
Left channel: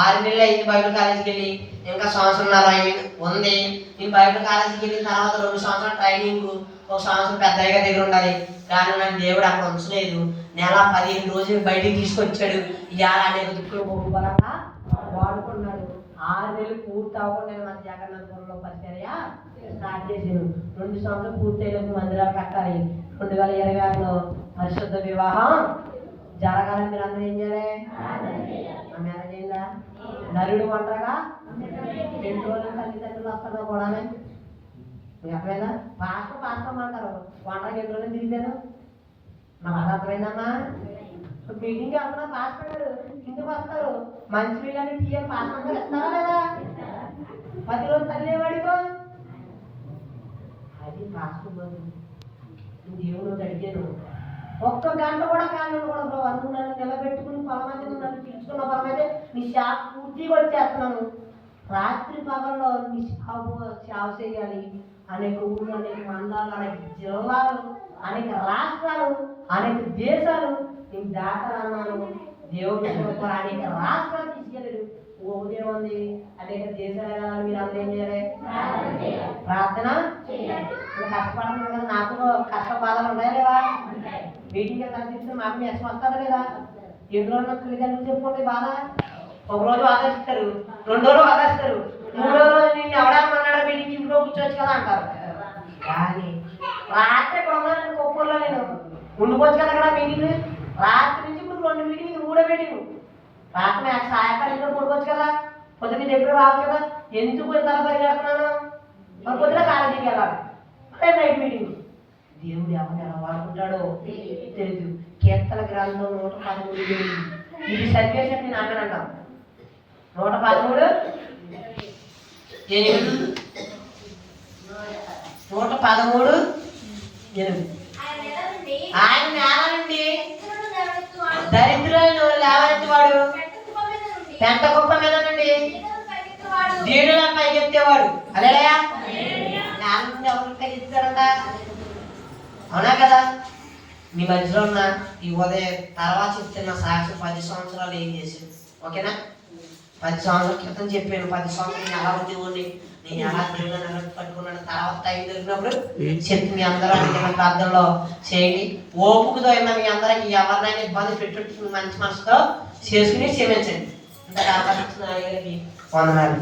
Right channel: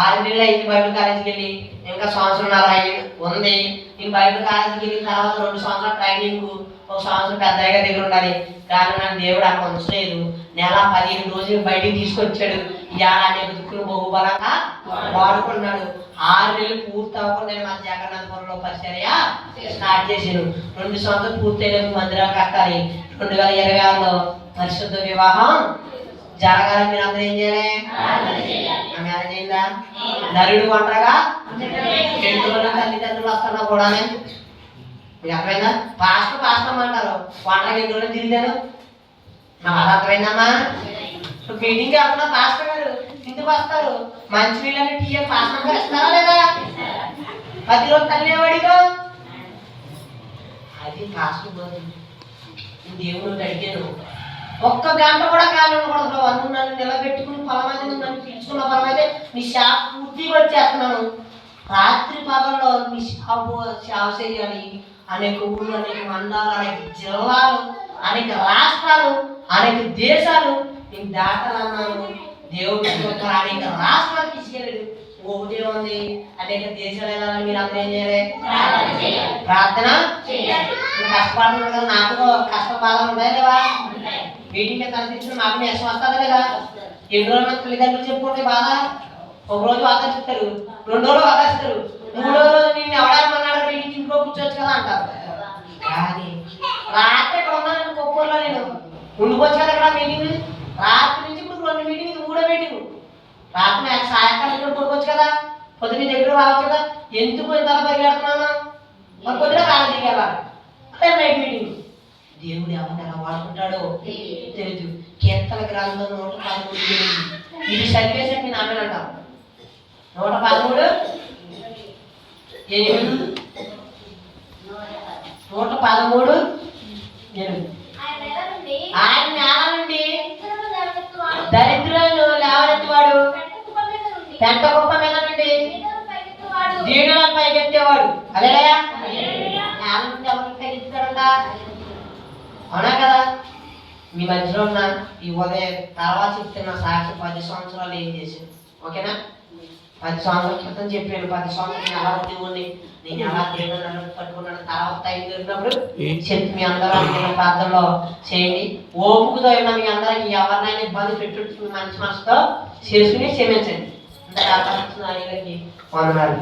6 నెలలు అయింది బైబిల్ కాలేజీకి వెళ్ళి, ఇంకా 1.5 సంవత్సరాలు ఉంది. నేను బైబిల్ కాలేజీకి వెళ్ళిన తర్వాత 2 సంవత్సరాలు ట్రైనింగ్, ఒక సంవత్సరం పెద్దయ్య దగ్గర ఉండాలి. కానీ నాకు దేవుడు అక్కడ ఉంచలేదు. నెల 15 రోజులు బయటికి తీసుకొచ్చాడు. ఇవాళ అనేక దిక్కులు బహుబలంగా వాడుకున్నాడు. 6 నెలలు పూర్తి అవ్వకుండా నేను మన జగన్నాథపురంలో పరిచర్య స్టార్ట్ చేశాను. 2 సంవత్సరాలు పూర్తయిన మందిరాలు కట్టాలి. 2026లో పరిశుద్ధ వివాహం జరగాలి. మీరు అందరూ ఏం చేయాలి? మ్యారేజ్ అయిందా? నరుడు ఒంటరిగా తల్లిదండ్రులు వస్తున్నా కూడా మీకు అర్థమైందా? పాస్టర్ అంటారు. ఒంటరిగా ఎన్ని రోజులు తిరిగాను నాకు అది అర్థమైందమ్మా. మీటింగ్కి వెళ్తున్నా పాస్టర్ గారు ఇంటికి వస్తారు. మంచి వీళ్ళని టీఎం పాస్టర్ గారు ఇస్తారా లేదా? 10 రోజులు తల్లివాడిగా అది పాస్టర్ బదులు దేవుడు అడిగాను. 1 గంట కూడా కాలం ఉండకూడదు. నువ్వు నన్ను నిలబెట్టుకుని పొలమైతే నువ్వు నన్ను పిలుచుకున్న పొలమైతే నీ షాప్ పూర్తిగా వచ్చేస్తున్నాను. రాత్రి పగల్లో నీ షాప్ చేయాలి. అనేక ఊళ్ళు, అనేక మండలాలు, అనేక జిల్లాలు, అనేక రాష్ట్రాలు, అనేక దేశాలు నీకు దాటాలన్నాను. దేవుడు అనేక రాష్ట్రాలు తీసుకెళ్ళాడు. ఒకటే ఉంది, అనేక దేశాలు వెళ్ళాలని మీరు అందరూ ఏం చేయాలి? ప్రార్థన కష్టపడుతున్నారు కదా. నాకు కష్ట బాధలు ఉన్నాయా లేవా? మీటింగ్ కనిపించిన మాకు నేసం వస్తుందా లేదా? 2 రోజులు తల్లిదండ్రులు చెప్పుకుంటే బాధ. 1 రోజు ఆదరిస్తారు, 2 రోజులు ఆదరిస్తారు, 3వ రోజు నేను ఎవడానికి అన్నాడు మీటింగ్ ఇంట్లో కూర్చోవచ్చు కదా అంటారు. కానీ రాత్రి ఇక్కడ ఉన్నాను కొప్పూరులో, నేను ఉండిపోవచ్చు కదా ఇక్కడ మీటింగ్. రాత్రి నుంచి ఇప్పుడు 2 మీటింగ్, 3వ మీటింగ్. రాత్రి సాయంకాలం ఇక్కడ పడుకోవచ్చు కదా, పొద్దున్న దగ్గర రావచ్చు కదా. ఎందుకు ఇంత పరిగెడుతున్నాను? మరి పొద్దున కాలేజీకి వెళ్ళాలి, అదే నైట్ మీటింగ్. దేవుడు ఎవరిని ఎలా వాడుకుంటాడో తెలియదు. కీర్తన గ్రంథం 113 ఇది సరివేసి నేను ఆమె అంటాం. 113 8 113 8 ఆయన నేల నుండి దరిద్రులను లేవనెత్తేవాడు, పెంట కుప్ప మీద నుండి దీనులను పైకెత్తేవాడు. అదేలయ్యా, నేల నుండి ఎవరికి పైకెత్తారంట? అవునా కదా? మీ మధ్యలో ఉన్న ఈ ఉదయం తర్వాత చెప్తున్న సాక్షి 10 సంవత్సరాలు ఏం చేశాను. ఓకేనా? 10 సంవత్సరాల క్రితం చెప్పాను. 10 సంవత్సరాలు నేను ఎలా ఉండేవాడిని, నేను ఎలా దేవుడు నన్ను పట్టుకున్నాను. తర్వాత టైం దొరికినప్పుడు చెప్పి మీ అందరూ అనుకున్న ప్రార్థనలో చేయండి. ఓపుకతో ఉన్న మీ అందరికి ఎవరినైనా ఇబ్బంది పెట్టు మంచి మనసుతో చేసుకుని క్షమించండి. ఇంత తర్వాత వందనాలు.